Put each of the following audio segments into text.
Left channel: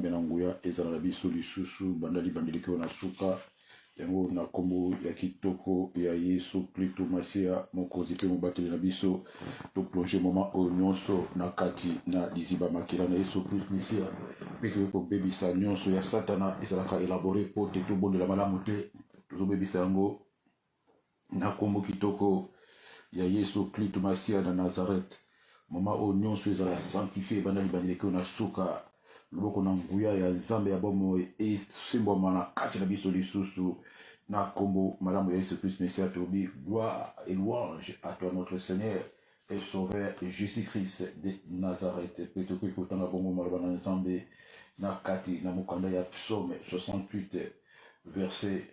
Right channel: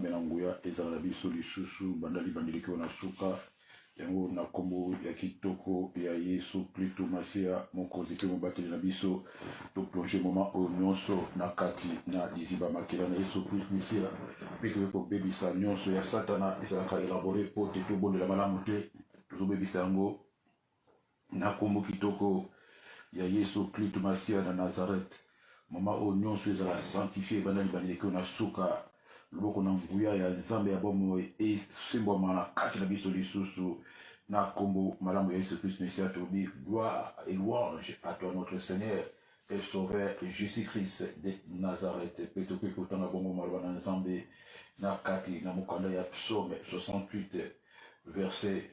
Benanguya ezala na biso lisusu bandali bandiliki na suka yango na kombo ya kitoko ya Yesu Kristo Masia mokonzi pe mobateli na biso to plonger moment oyo nyonso na kati na liziba makila na Yesu Kristo Masia pe tobebisa nyonso ya satana ezalaka elabore po te tobondela malamu te tozobebisa yango na kombo kitoko ya Yesu Kristo Masia na Nazareth moment oyo nyonso ezala sanctifié bandali bandiliki na suka loko na nguya ya nzambe ya bomo esimbwama na kati na biso lisusu na kombo malamu ya Yesu Christ Messia tobi gloire et louange à toi notre Seigneur et Sauveur Jésus-Christ de Nazareth pe tokoki kotanga bongo maloba na nzambe na kati na mokanda ya psaume 68 verset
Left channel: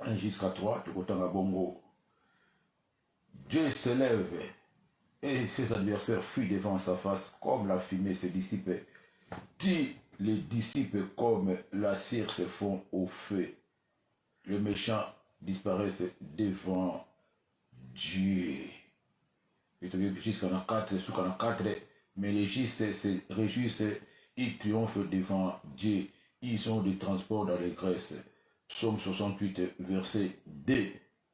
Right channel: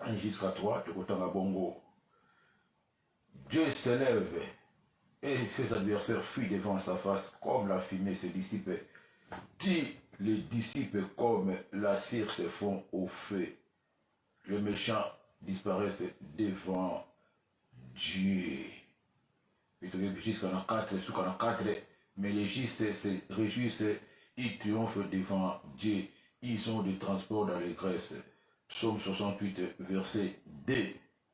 1 jusqu'à 3 tokotanga bongo. Dieu s'élève et ses adversaires fuient devant sa face comme la fumée se dissipe. Qui les disciples comme la cire se font au feu. Les méchants disparaissent devant Dieu. Jusqu'à 4, mais les justes se réjouissent, ils triomphent devant Dieu. Ils ont des transports dans les graisses. Psaume 68, verset 2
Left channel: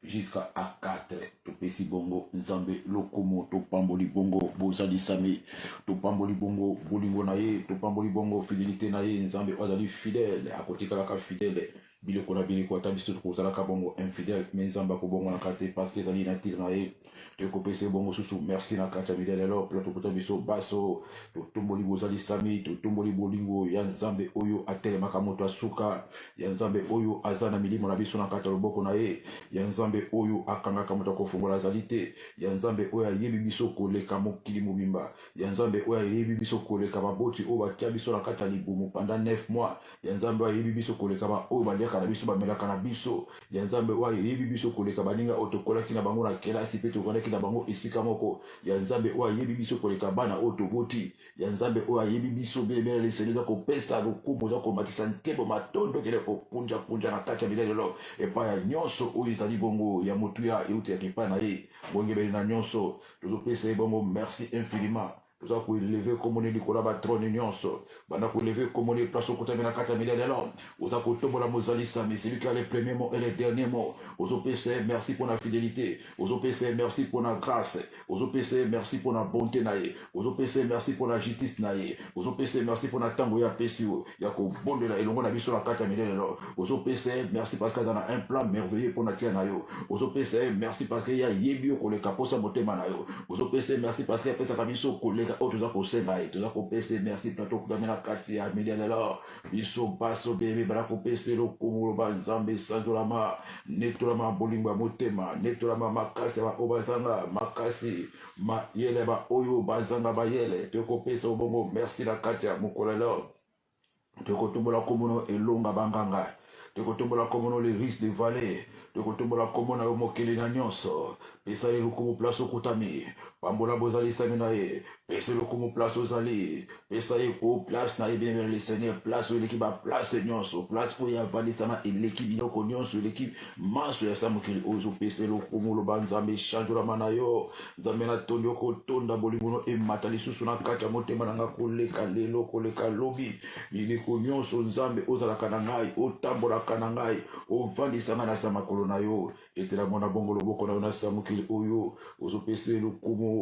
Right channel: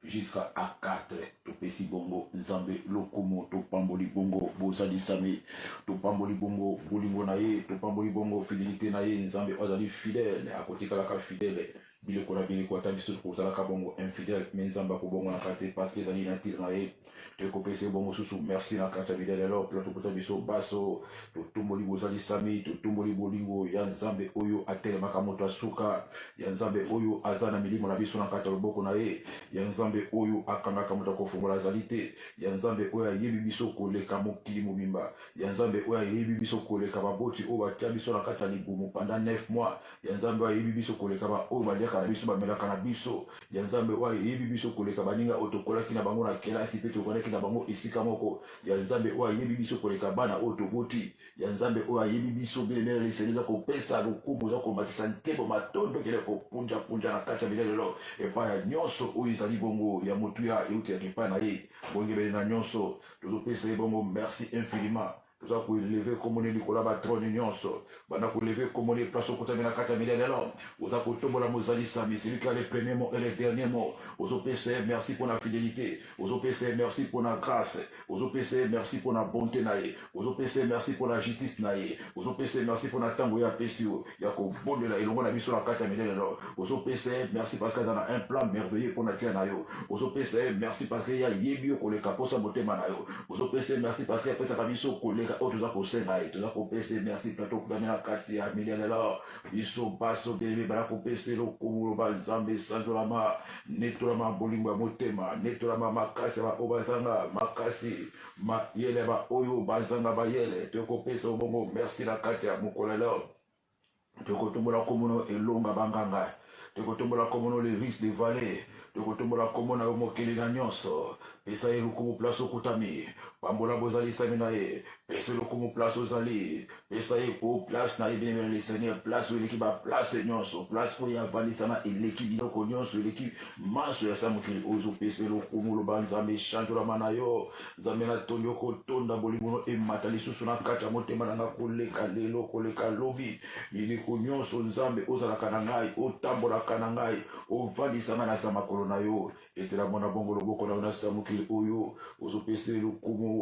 jusqu'à 4. Topesi bongo nzambe lokomo topamboli bongo bozali sami topamboli bongo bolingo na ye topamboli bongo fidélité na ye nzambe ozali fidèle akotikalaka fidèle biloko na biloko ata biso tokozalaka bongo infidèle mais nzambe akobongo na kate parce que ezali na tire na ye tokopesa bongo susu merci na kati ya bidele alors pla tokota biso baso totomboli bozali sami totomboli bolingo ya nzambe oyo atelemaka moto asuka ya nzambe oyo aza na milimo na biso na kati ya loboko na ye ya nzambe oyo akangaka moto akofungola azali te ya nzambe oyo ayebi biso koleka mokili mobimba ya nzambe oyo ayebi biso koleka baboti oyo batia biso na kati ya libumu pendant 9 mois ya nzambe oyo ayebi biso koleka oyo baliaka na biso bamelaka na biso ya nzambe oyo ayebi biso koleka baninga oyo tokolaki na bango na kelasi mpe tokolaki na bango esika moko ya nzambe oyo ayebi biso koleka bana oyo toboti ya nzambe oyo ayebi biso belemele liseli za kopesa lokumu za komatisa nkebo matondo kele kopunja na kati ya bilelo epai ya nyonso oyo ezali bongo ya motuya euti ya kepa na ye bongebele na nyonso tozopesa ye bongo merci infiniment toza kolever komone likolo ba trône nyonso bana kolever komone place okotami na kati ya milele alors oza kotombola mozali sami celui qui a les premiers mots et les derniers mots ozopesa merci pour la fidélité ozopesa merci pour la grâce ozopesa merci pour la bonté na ye ozopesa merci pour la justice na ye ozopesa merci pour la tango ya pesi ya kobondela elongo na biso na kati ya milele alors ozopesa merci parce qu'il y a un plan merveilleux pour natia na yo ozopesa merci parce qu'il y a yebi yo koleka posa motema na yo ozopesa merci parce qu'il y a pesa biso koleka otuza kosenga ye toza kopesa merci plateau kudami na kati ya milele alors biso baso bebe bana kopesa lokumu ba nzambe sanzolama netolama bolingo ya motema netolama makasi ba obazanga makasi ma yele ba oyo bazanga ba yele tokopesa bongo merci na kati ya mokolelo tokotombola komono elonga banganga tokotombola komono les risques de vallée tokotombola komona yo mokeli na nyonso pesa ye lokumu place okutami pambola bozali sami na ye pesa lokumu place ozali pesa ye po place na ye bien le Seigneur place oyo eleki baplace nyonso place oyo avalisama eleki biloko nyonso eleki maso ya sa mokili ozopesa lokumu loba nzambe echangelama na yo nzambe na tondi okotonda bolingono emata lisusu na kati ya motema nanga koleka lelo koleka lobi mileko nyonso nzambe ozalaka na ngai otambolaka na ngai ovandisanga na sa makolo na yo etela mona bongo loboko na yo na sa mokili oyo ozopesa lokumu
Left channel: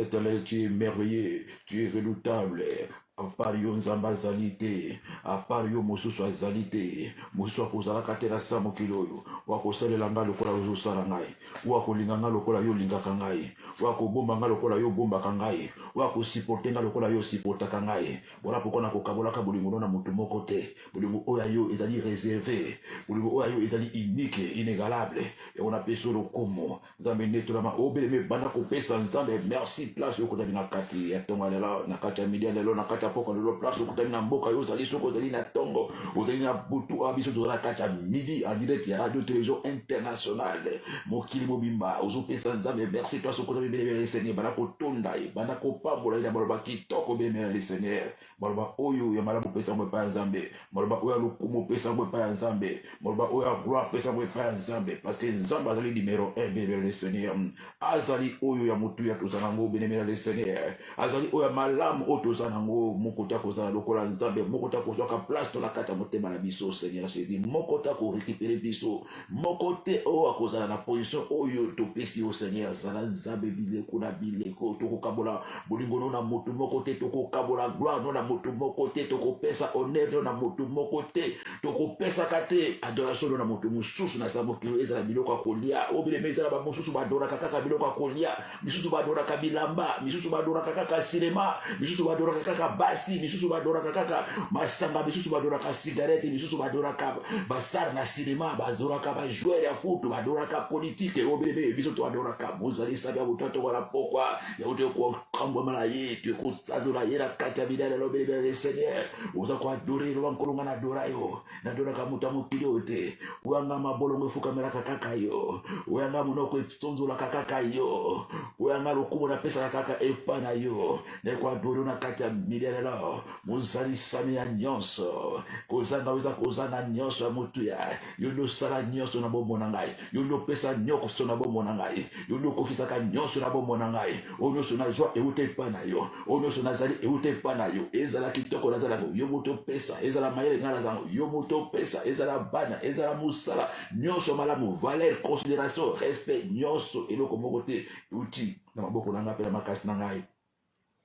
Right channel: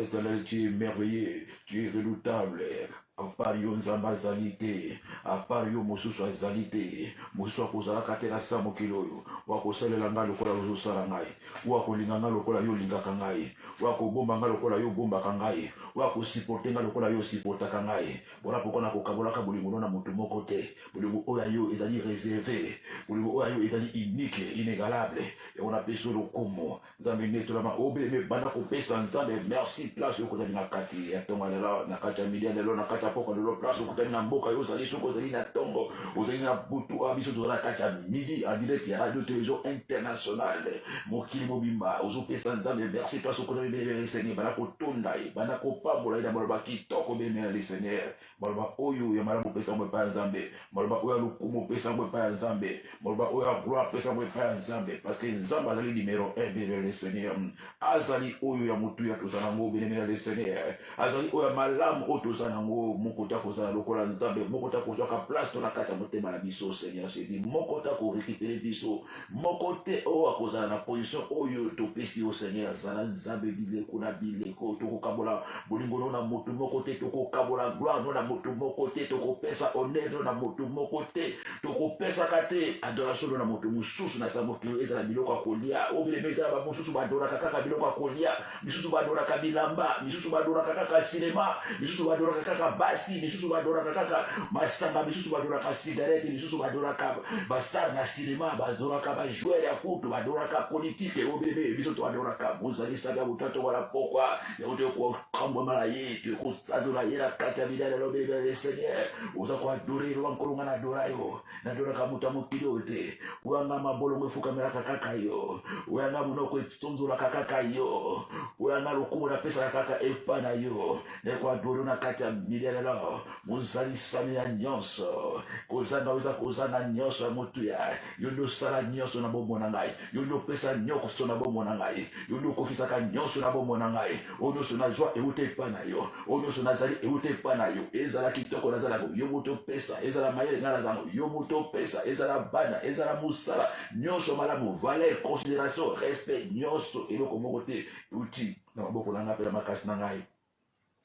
éternel, tu es merveilleux, tu es redoutable. À part yo nzamba zalité, à part yo mosusu azalité, mosusu akozalaka te na sa mokili oyo wakosalela ngai lokola ozosala ngai wakolinga ngai lokola yo olingaka ngai wakobomba ngai lokola yo obombaka ngai wakosiporte ngai lokola yo osiportaka ngai wana poko nakokabolaka bolingo na moto moko te bolingo oyo yo ezali réservé bolingo oyo yo ezali unique inégalable yango napesi lokumu nzambe netolama obeleme banda kopesa nzambe merci place yo kozali na kati ya ntongo lelo na kati ya midi lelo na kati ya poko lelo place okutami na mboka yo ozali soko ozali na ntongo ozali na butu abiso tozala na kati ya midi en direct ya radio télévision internationale mokili mobimba ozopesa nzambe merci place okutami belebele le Seigneur bana kotonda ye bana kopambola ye na baloba kitoko belebele le Seigneur baloba oyo ya malamu opesa yango epai ya nzambe baloba oyo ya lokumu opesa yango epai ya nzambe baloba oyo ya gloire opesa yango epai ya nzambe parce que nzambe azali numéro 1 belebele le Seigneur azali oyo ya motu ya tozala nango belebele le Seigneur azali oyo ya malamu oyo tozala nango moko ta kozala lokola nzambe moko ta kozwaka place to na kati ya motema na biso Seigneur Jésus moko ta korécupérer biso moko te oyo akozala na position oyo topesi yo Seigneur zala nzambe bileko na bileko tokokabola bolingo no na motu moko te tokokabola gloire no na motu moko te tokopesa honneur no na motu moko te tokopesaka te adoration no na motu mosusu na sa motu ezala biloko ya kolia obileme ezala bamosusu badoraka kaka biloko ya kolia misusu badoraka bilamba misusu badoraka kaka sinema misusu badoraka kaka basi misusu badoraka kaka masanga misusu badoraka cigarette misusu badoraka bastar na sinema badoraka bajoueur ya foot badoraka politique obileme biso to badoraka bozalisa bya butoto wala pokwa ya uto kwa kamba malayi ko adora yera kata bidala lobele le Seigneur uza kwa adorer lo nkolonga na adorayo na adoraka mutamukiro te wanga mabolo mfuka meraka kaka yo wanga munoko itsonzola kaka yo wanga lokumo na pesa kaka epana yo ne kwa adoro na kata bidala muzalisa ya nyonso kozanga uza kozanga nyonso ya mutu ya yondo sala nyonso na bombo na ngai yondo pesa nyoko so na bombo na ngai yondo kokisaka nyonso na bombo na ngai ono so na joie eute pa na yo ono so nazali eute pa na yo ezala kitoko nazala yo moto pesa ezala mayele na lazango yo moto pesa ezala bana ezala musala nyonso malamu valeur considération respect nyonso eloko moko te uti na maboko na ngapela makasi na ngai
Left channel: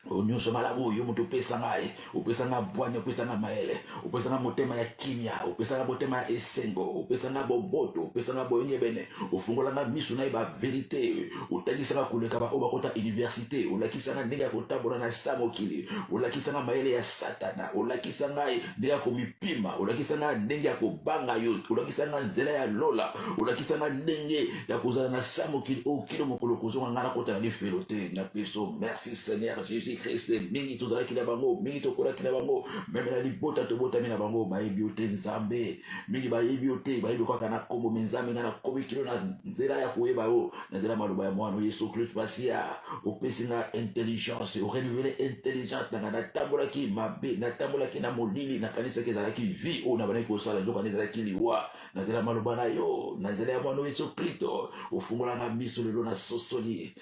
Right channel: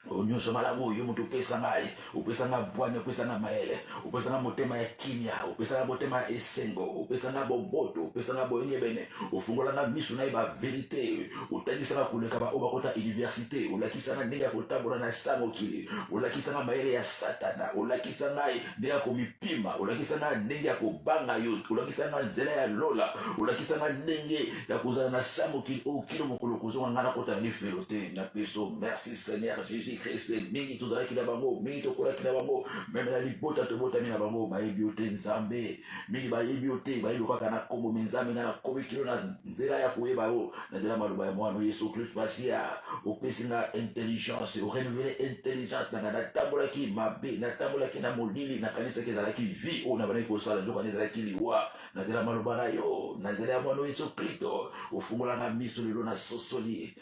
onyosho malamu yo mutu pesa ngai upesa nga bwana upesa nga maele upesa nga motema ya kimia upesa nga motema ya esengo upesa nga boboto upesa nga boyenye bene ufungola nga misu na ba vérité utangisa nga kuleka ba oba kota université ulakisa nga ndenge ya kotambola na samokili ulakisa nga maele ya satana ulakisa nga ndenge ya komipima ulakisa nga ndenge ya kobanga yo ulakisa nga nzela ya lola ulakisa nga ndenge ya kozala na samokili okilo mokolo kozonga nga na kota na felote na peso merci Seigneur Jésus Christ mingi tozala kila bango mingi tokola kila bango même na libota tobota mina bango bayebi ote nzambe mingi bayebi ote bayebi kwa kana kombo menzambe na kobi kilo na nzela ya koyeba yo na nzela maloba ya mwana Yesu Christ pasia opesi na intelligence o renouveler intelligence na tambola ki mabe na tambola ki na molili na kanisa ke zala ki vie o na bana ko sala ndo kanisa ki liwa na nzela maloba na yo na nzela ya mwana Yesu Christ ofungola na miso lelo na sosoli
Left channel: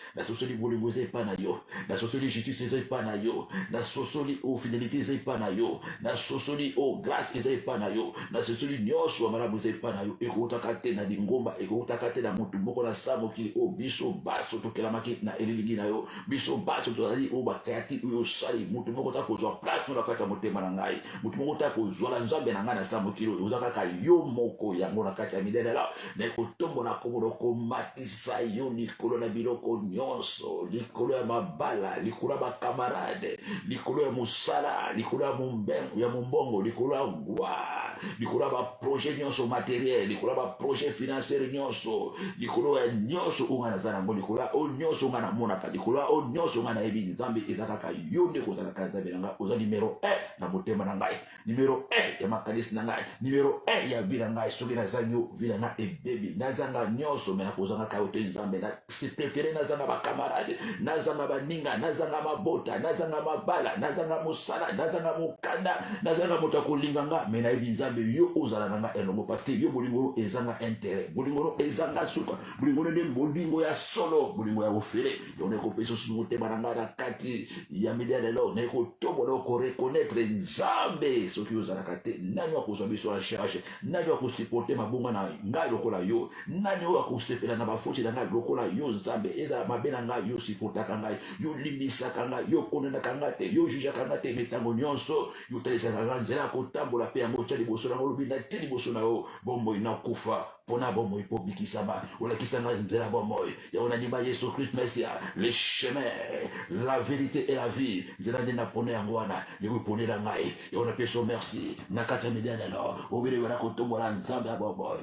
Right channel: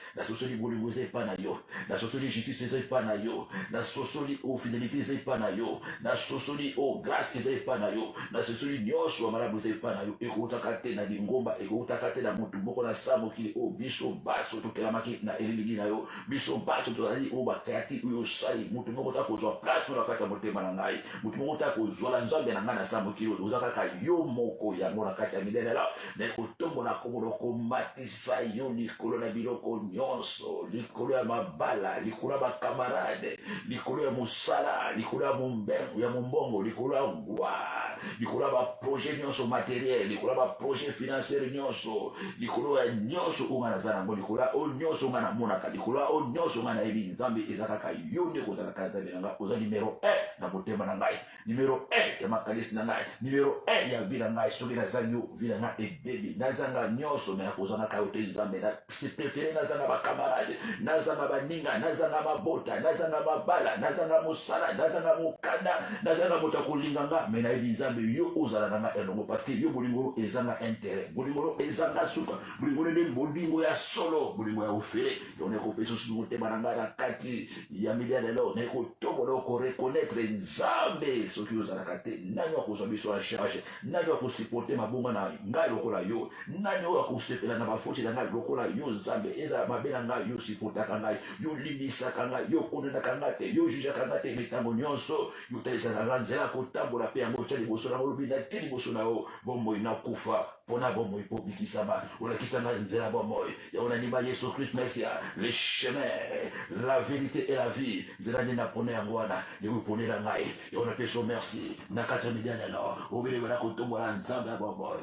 bolingoze pa na yo na sosoli justice pa na yo na sosoli o fidélité zai pa na yo na sosoli o grâce zai pa na yo na sosoli nyosho amarabu zai pa na yo ekotaka te na lingomba ekotaka te na mutu moko na samo kili o biso baso tokelamaki na elilingi na yo biso baso tozali o bakati oyo sali mutu moko ta kozwa place na kati ya motema na ngai mutu moko ta kozwa la nzambe na ngai na samo kili ozaka ka yo moko yango na kati ya midele la na kotombo na komolo komatisa yo likolo na biloko nyonso likolo ya mabala likolo ya camarade likolo ya musala likolo ya mumbongo likolo ya gloire likolo ya projet nyonso matériel likolo ya projet financier nyonso likolo ya nyonso unga nazala nango likolo ya nyonso unga namonaka likolo ya nyonso unga nayebi nzambe ezaka ka yo nde kozalaka nzambe na ngai oza numero 1 na motema na ngai numero 1 ya makanisi na ngai numero 1 ya vila ngai soki nazangi yo vila na ebebi nazanga nyonso me nakozanga ka yo te nzambe na prefere nazanga bakamarade nazanga baninga nazanga mabota nazanga mabala nazanga mosala nazanga mokanda nazanga moto akolinganga me nayebi nzambe yo ozala nanga elongo parce que yo bolingo ezanga intérêt bolingo ezanga suka bolingo nde bolingo ya solo bolingo ya ofele yo ne kopesa su motema nanga na kati ya midele lelo ne kotombola ko reconnaître nzambe soki ozala kate nani akozwa biso la charge nani akosupporter mabonga na ngai lokola yo nani akosepela na bafoti na ngai lokola yo nzambe ezala mabe na ngai yo supportaka ngai yo limbisaka ngai yo kondenaka ngai te yo jujaka ngai te mitango nyonso yo talisaka ngai nzela kotambola pe yango tya liboso na olobi na te liboso na yo bomoi nakufa pona bomoi po bikisama olakisa ngai nzela bomoi ya onanima Yesu Christ Mesia le chemin la vérité et la vie nzela nde napona yango wana ekoponela ngai ya onapeso merci na kati ya midele no obele wana kotombola nzambe ya bomoi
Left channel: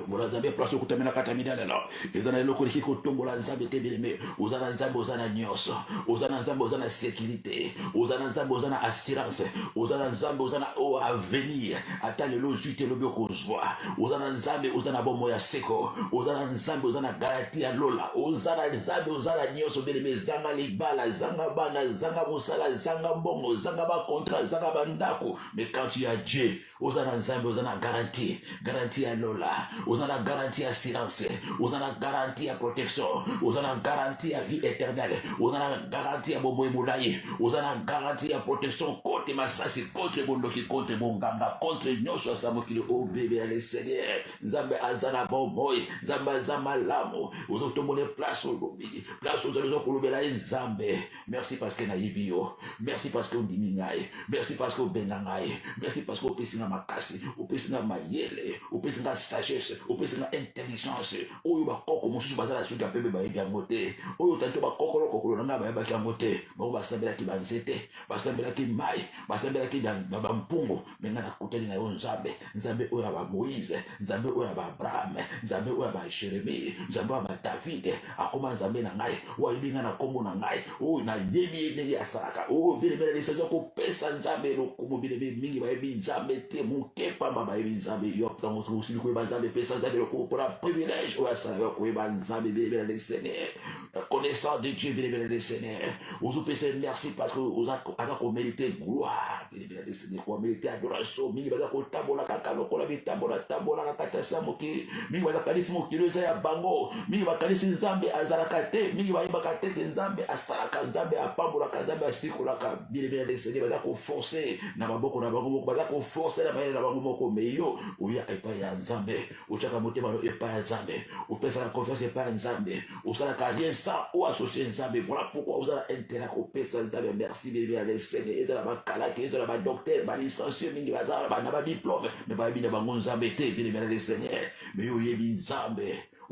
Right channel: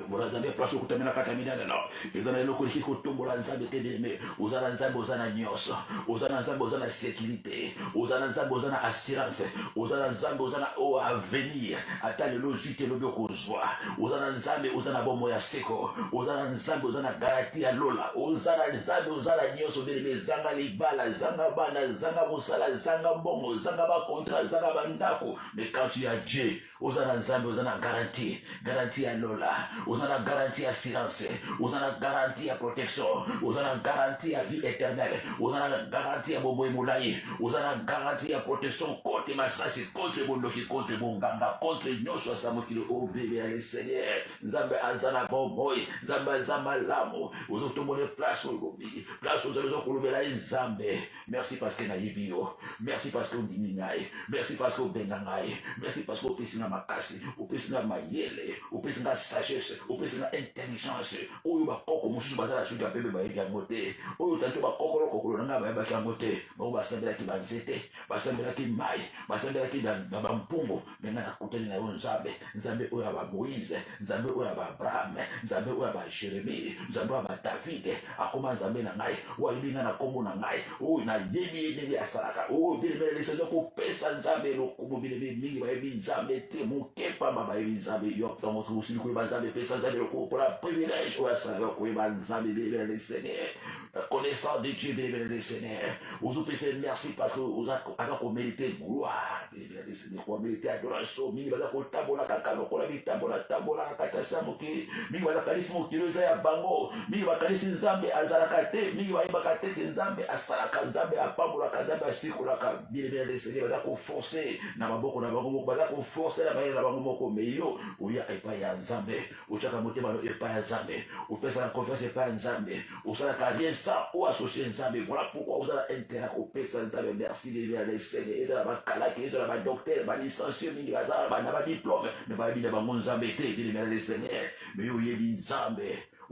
tombola nzambe place okutamena kata midele no ezana eloko leki kotombola nzambe te bien-aimé ozana nzambe ozana nyonso ozana nzambe ozana sécurité ozana nzambe ozana assurance ozana nzambe ozana o avenir ata lelo zwi te lobi okozwa ozana nzambe ozana bomo ya seko ozana nzambe ozana garanti ya lola ozana nzambe ozana nyonso bien-aimé zanga libala zanga bana zanga mosala zanga mbongo zanga bakontra zanga bandako mais quand tu as Dieu ozana nzambe ozana garanti ya lola ozana vous avez garanti à silence, vous avez garanti à protection, vous avez garanti à vie éternelle, vous avez garanti à Bobo Moulaï, vous avez garanti à protection contre Massassi, contre Bondoki, contre Bonganga, contre Nyosho Samokilo, oh bébé, allez Seigneur, Nzambe Azana Bomboy, Nzambe Azama Lamo, vous avez tombé place au lobby, place aux Kolobela Nzambe. Merci parce que Naïbio, merci parce que Ondininaï, merci parce que Benangaï, merci parce que Opesina Makasi, Opesina Mayele, Opesina sagesse, Opesina intelligence, Oyo Bakoko, Moussou Bazala Suga Bebe Baïgangote, Oyo Tanto Bakoko, Kokoro Nanga Baïgangote, Bon Basambela qui Banzete, Basambela qui Maï, Basambela qui Bampungo, Menana Kouteli na Nzambe, Nzambe Oya Ba Moïse, Nzambe Oya Ba Abraham, Nzambe Oya Ba Jérémie, Nzambe Oya Ba David, Akoma Nzambe Nangaï, Oya na Kongo Nangaï, Oyo na Yebi Negi Asaka, Oyo Bile les Seigneurs ko pesa Nzambe lo Komo Bile Mingi Baïbi Nzambe te Mukepa Baïbi Nzambe Yok Samo Susi Kuba Nzambe pesa Nzambe lo Komo pour la privilège Oya Sa Yok Kuba Nzambe Bile les Seigneurs, connaissant de Dieu Bile les Seigneurs, vous pèsez merci parce que vous avez mérité gloire Bile les Seigneurs, vous mérité adoration, Mingi Baza ko Tabola Kakano Kola Bitambola Tabola Nakatasa Moki, Mingi Baza Kalisi Mokiloza ya Bango, Mingi Bakalisi Nzambe Azarakate, Mingi Baibakate Nzambe Asaka Nzambe Apambola Nzambe Asikolaka, Bile les Seigneurs, Baza ko forcer na maboko na bango, Baza ko forcer na bayela na bango moko meyo, Oya epa ya Nzambe, Ochaka motema no epa ya Nzambe, Opesa la confiance epa ya Nzambe, Osala ka rien ça ou associé Nzambe, voilà pourquoi vous avez intérêt à kopesa Nzambe, merci Bile les Seigneurs, Ezala bakalaki, Ezala ba docteur, ba licencié, Mingi Baza, ba na ba diplôme, mais ba bina ba Nzambe te, Bile les Seigneurs, mais yo yebi Nzambe.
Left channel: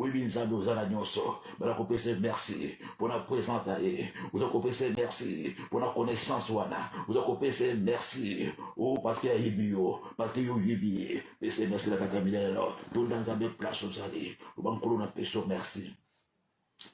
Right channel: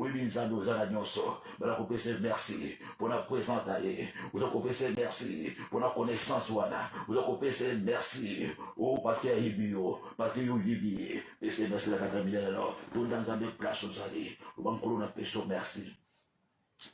Oui, Nzambe, vous avez nyonso. Voilà qu'on peut se merci pour la présence d'ailleurs. Vous avez qu'on peut se merci pour la connaissance, voilà. Vous avez qu'on peut se merci. Oh, parce qu'il y a Ibio, parce qu'il y a Ibi. Et c'est merci la catamine alors. Tout dans Nzambe place aux alliés. Vous avez qu'on peut se merci.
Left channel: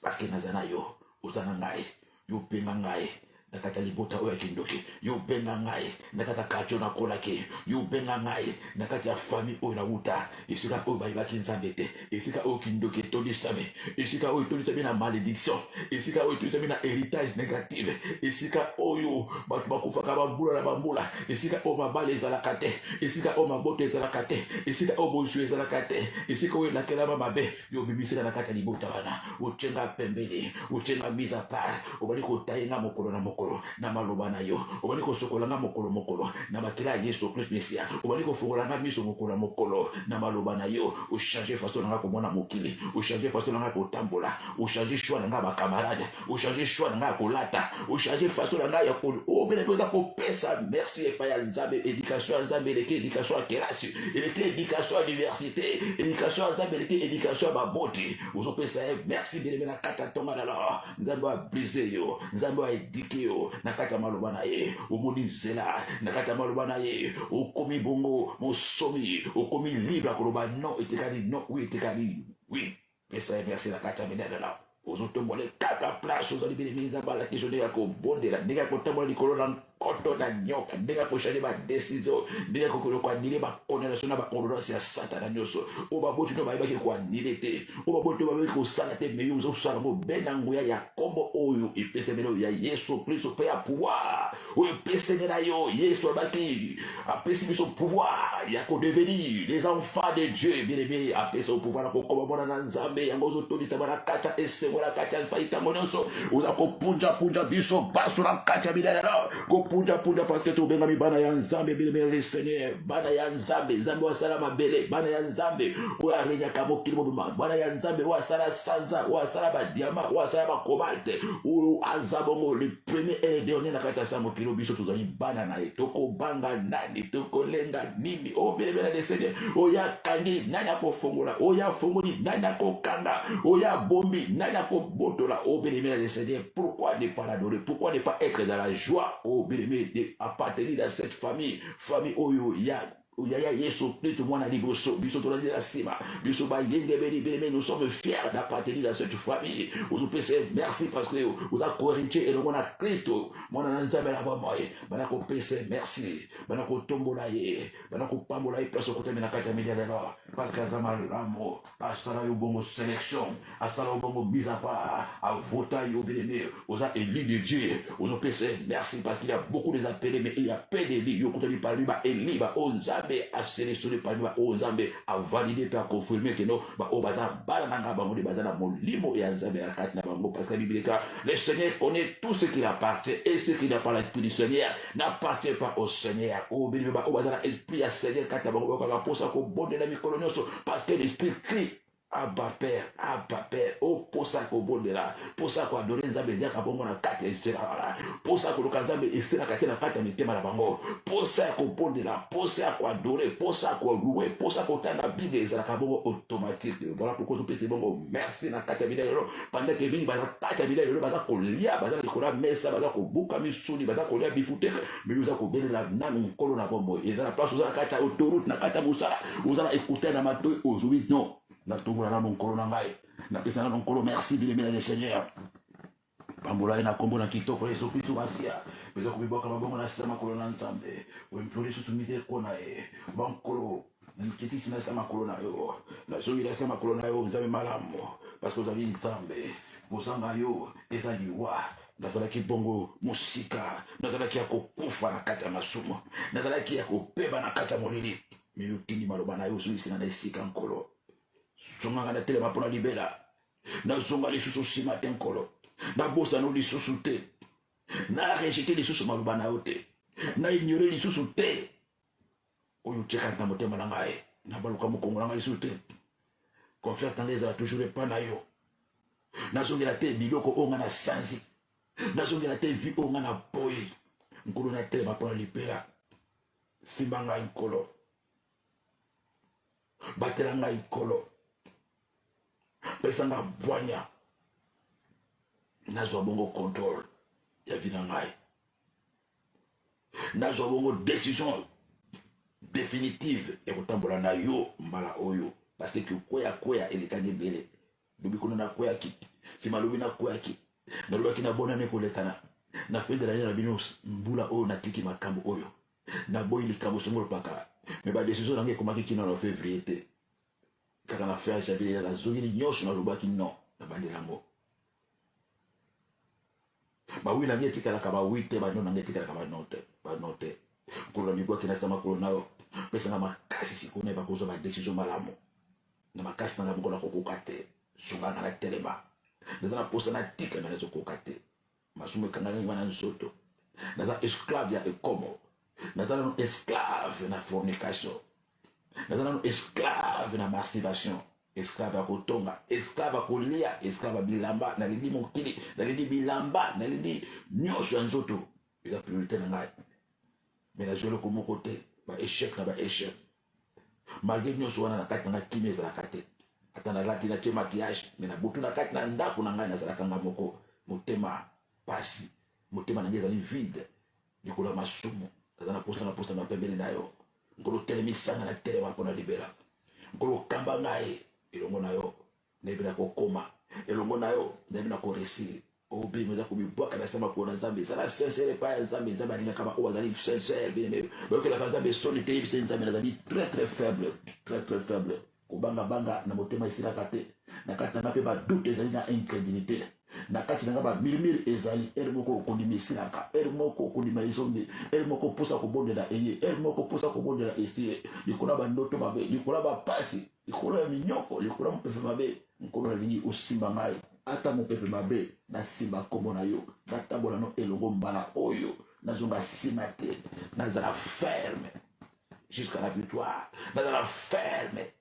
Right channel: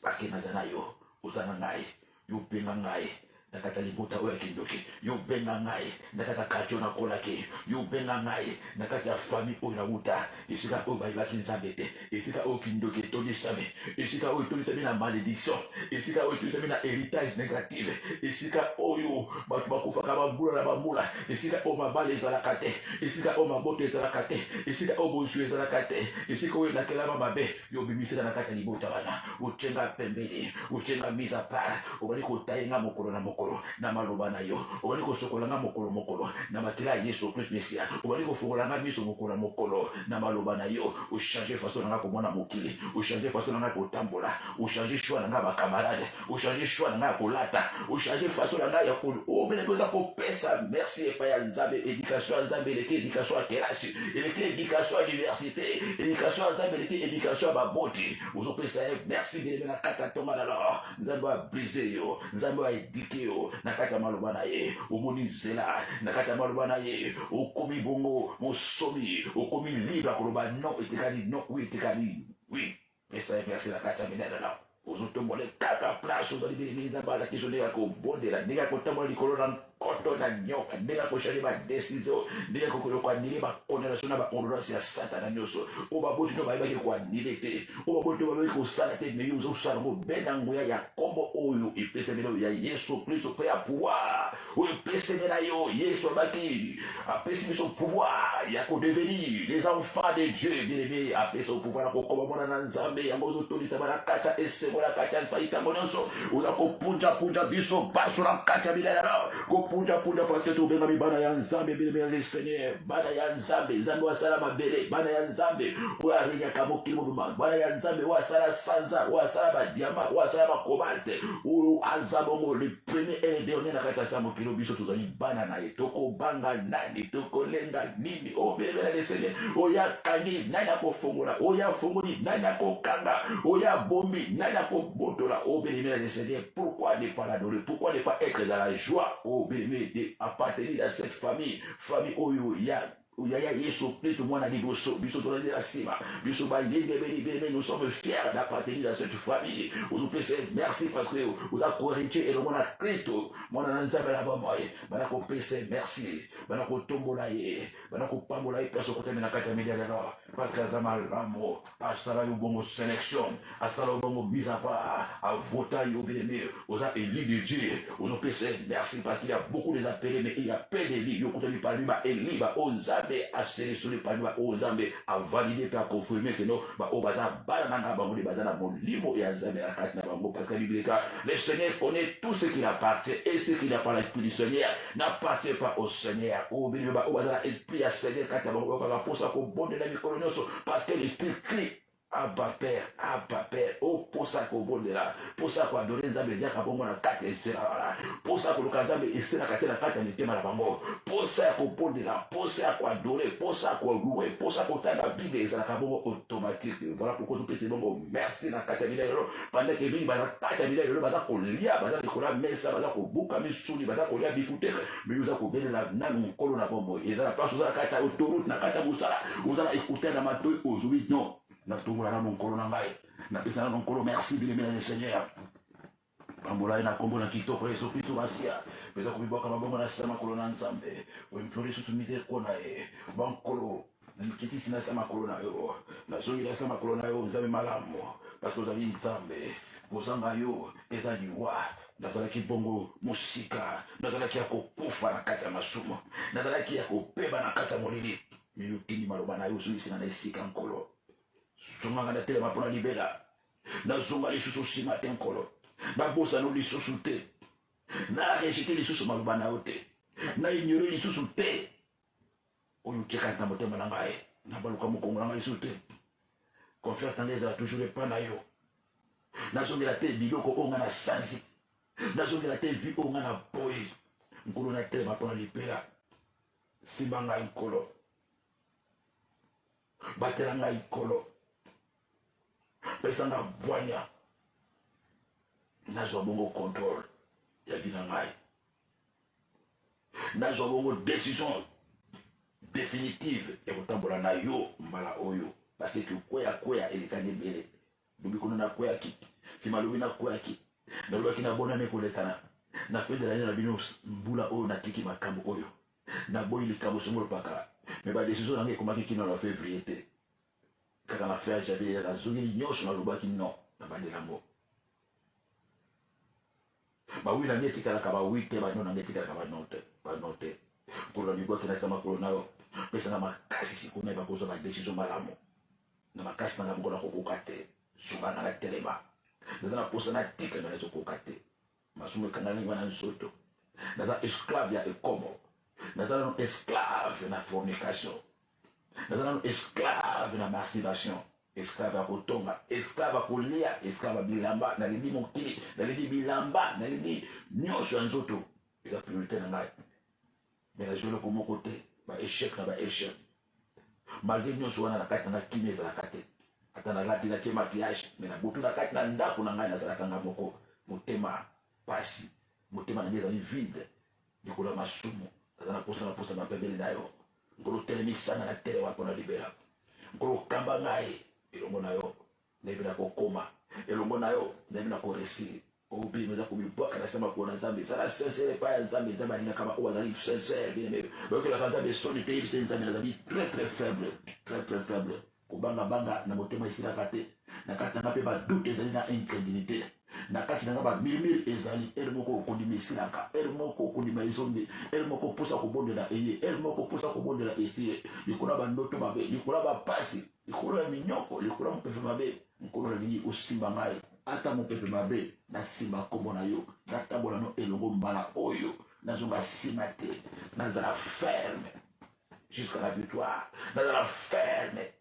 Parce que Nazana yo, vous avez ngai, yo penangai. Nakata libota oya kindoki yo benga ngai nakata kacho na kolake yo benga ngai nakata ya famille oya uta isika o ba ibaki Nzambe te isika o kindoki toni same isika o toni same na malédiction isika o toni same na héritage négatif isika oyo batu bakufa ka bambula na bambula isika o mabale ezalaka te isika o maboto ezalaka te isika o bonsu ezalaka te isika o nakela mabe yo bimisela nakata libota bana uchenga pembele uchenga mise à part obali ko tayenga mokolo na mokolo na maloba na yo obali ko sokola nga mokolo na makila Yesu Christ Mesia obali ko fongola nga miso mokolo na maloba na yo o changer façon nga ko mona mokili o changer façon nga ko tambola o changer choix nga ba camarade o changer choix nga ko lata o changer façon nga ya ko o bele ko pesa merci et pa ya Nzambe éducation Nzambe leke éducation à classe leke éducation à diversité éducation Nzambe leke éducation à baboti o pesa merci bele na kata tonga na la Nzambe a briser yo Nzambe a éduquer yo nakata maloba na ye omoni zela nakata maloba na ye okomi bongo mosomi okomi libre koloba non etekali non oui etekali oui pesa merci nakata minana na ozotombole kaka place ozali bele Nzambe la question de ko bondela ndeka ko tambola likolo na koto na nyoka ndeka ko changer ba décision ndeka ko ko anile ba condamnation na ba ordonnance ya Satan nyonso o ba botu no ba ibaki ko anile te o ba botu ba ibaki ko sala te mais yo sala mo benango ya kombo oyo epesemelo ya Yesu Kristo pe ya pouvoir o epesemela yo Yesu abaki apesi biso pouvoir ya ko devenir les enfants de Dieu bien-aimé apesi au pouvoir ko komona na Nzambe yango zo tolisa bana kata esemola kata saita mononso uza ko punja biso baso na kata bidala ko punja parce que tu benga mi bana ya Nzambe bien les Seigneur bana ya Nzambe Nzambe wa sala mabele bana ya Nzambe wa renya kamo kilimo bana ya Nzambe wa sala sanza wa sala ba diamant wa sala ba cobalt ou azabongo le premier et le dernier na kata sa mokilo biso tozali bana na etoko banga nani toko lenga nini o bien les Seigneur o ya kani nani ko fongola o ya fongoli nani ko kanga o ya bombi nani ko botola o bien les Seigneur pourquoi ne pas l'adorer pourquoi ne pas être dans la joie au bien appartenir à cette famille oyo ya Uyaya Yesu Kristo mwana liboso biso tolandi la sima biso ba yenge beli nous sommes fiers d'appartenir à cette famille vous pèsez merci parce que vous avez corrigé et le mona Kristo mwana Nzambe la bamoye bana ko pèsez merci bana ko tombola ye bana ko pambola ye parce que na kata media là parce que Nzambe ramo asala yo bongo sélection asala yo bongo mise à part à voter yo bien vous avez élu de Dieu vous pèsez merci parce qu'il y a beaucoup des appelés mais il y a peu de lits yo kontali par lui ba eli ba onza nzambe a sélectionné parmi ba o nzambe a validé pe a confirmé que non ba o baza bala nanga bango de baza na molimo ya nzambe ya kati na bango parce que la Bible dit que le Seigneur connaît tout ce qui appartient et ce qui n'a pas l'esprit du Seigneur n'appartient pas au Seigneur. O bini ba o baza na esprit ya Seigneur kati na bango ka posa ko bonde na mikolo nyonso parce que l'esprit crie Abba Père, oh pour ça qu'on bonde là, pour ça qu'on adore les amis, pour qu'on a quatre pour ça qu'on a des et la carte la carte de thème à la bango, pour ça qu'on bonde là, pour ça qu'on adore, pour ça qu'on loue, pour ça qu'on t'a la Bible et la cabot automatique. Voilà pourquoi nous pétons bon, merci la carte de pendant que Bible va la carte de l'eau, va qu'on lia, va qu'on a mis ça, va qu'on bouca mis sous lui, va qu'on lia bifouté, mais nous avons béni la nan colonne à bombo, et à la place où la carte autoroute, la carte à moussa, vous allez écouter la mato aujourd'hui, non. Na tongo na mokolo na ngai na pesa na mokolo merci bien le Seigneur pambola ina kombo na kitoko Yesu Kristo masia pesa kubiboka mabongo na sema kolo na nzambe wemplore sutumite kona bankolo na mikiti sina sema kolo na yo la zongi na sema kolo na yo nzambe malamu parce que vous avez nzambe bozanga yo ezali wa nazalaki bongo musika nazalaki ya kokufa na kati ya masumo nazalaki ya kopeba na kati ya molili miyutini maloba na yo zuisina na esika nkolo zonga na telema pona libela na zonga lisusu sima te nkolo na bosa no lisusu te na rejete lisusu maloba na yo te na ignore lisusu te oyo tiaka na motema na ngai na baluka mokongo na ngai lisusu te confère tanga ezala toujours epa na yo nazongela te biloko oyo nga na sanzi nazongela te vi oyo nga na boyi nkolo na telema pona libela simba ngai nkolo batela ngai nkolo pesanga bwanya nazwa bongo contrôle ya vie na ngai nazwa bongo décision définitive ya kotambola na yo mbala oyo parce que kwea elekani ebele lobi kono na kweyaki nsima lobi na kweyaki nalobaki na bonane kolekana na fede na ye na bino mbula oyo natiki makambo oyo naboyi likambo songolo pakala me badécision nange ekomaki kino na février te kaka na fer javier la zongeli nyonso nalobaki non na bandelango bawi nange etikalaka bawi te bano nange etikalaka bano te nkolo na bibwaki na sama kolo nayo pesanga makasi sikuna bakozwa badécision malamu na makasi nanga bongo nakokoka te zonganga na telema naza na posa na tika na ezokoka te masumu ekangaki nga na nzoto naza esclave ya ekomo naza nano esclave na fornication naza nano esclave na masturbation esclave ya kotonga esclave ya kolia esclave ya bilamba nalindi mokili nalindi bilamba nalindi nyonso ya nzoto eza priorité na ngai me nazwi eloko moko te baéchec na baéchec malgré nyonso wana na kati na ngai kimi ezalaka te ata nalati natie maquillage me na butu na kati na ndako na ngai nazalaka nga moko motema pasi motema na ngai ezali vide likolo ya masumu naza na posa mapembele na yo nkolo telemisanga na telema mpona libela nkolo kamba ngai elongo na yo nayebi na kokoma elongo na yo nayebi na koresili obi meza kubibwaka na sema kuona nzambe ezala sincere epai ya nzambe nzambe alingaka baoyo bazali sincere bien bayokelaka nzambe soni te yebisa nzambe nazali très faible kobangabanga na motema esilaka te na kati nanga mpe badute ezali na incrédulité na kati nanga bamurmure ezali ere moko okondima esilaka ere moko okondima ezongi ere moko mposa kobondela eye ere moko mposa kobondela esile likolo ya bandoto mabe likolo ya bapasi likolo ya minyoko likolo ya mopepe mabe nkolo nalingi osimba ngai ata mopepe mabe nasimba kombo na yo natambola no elongo mbala oyo nazonga nsima te nazala ferme jusqu'à la victoire nazala ferme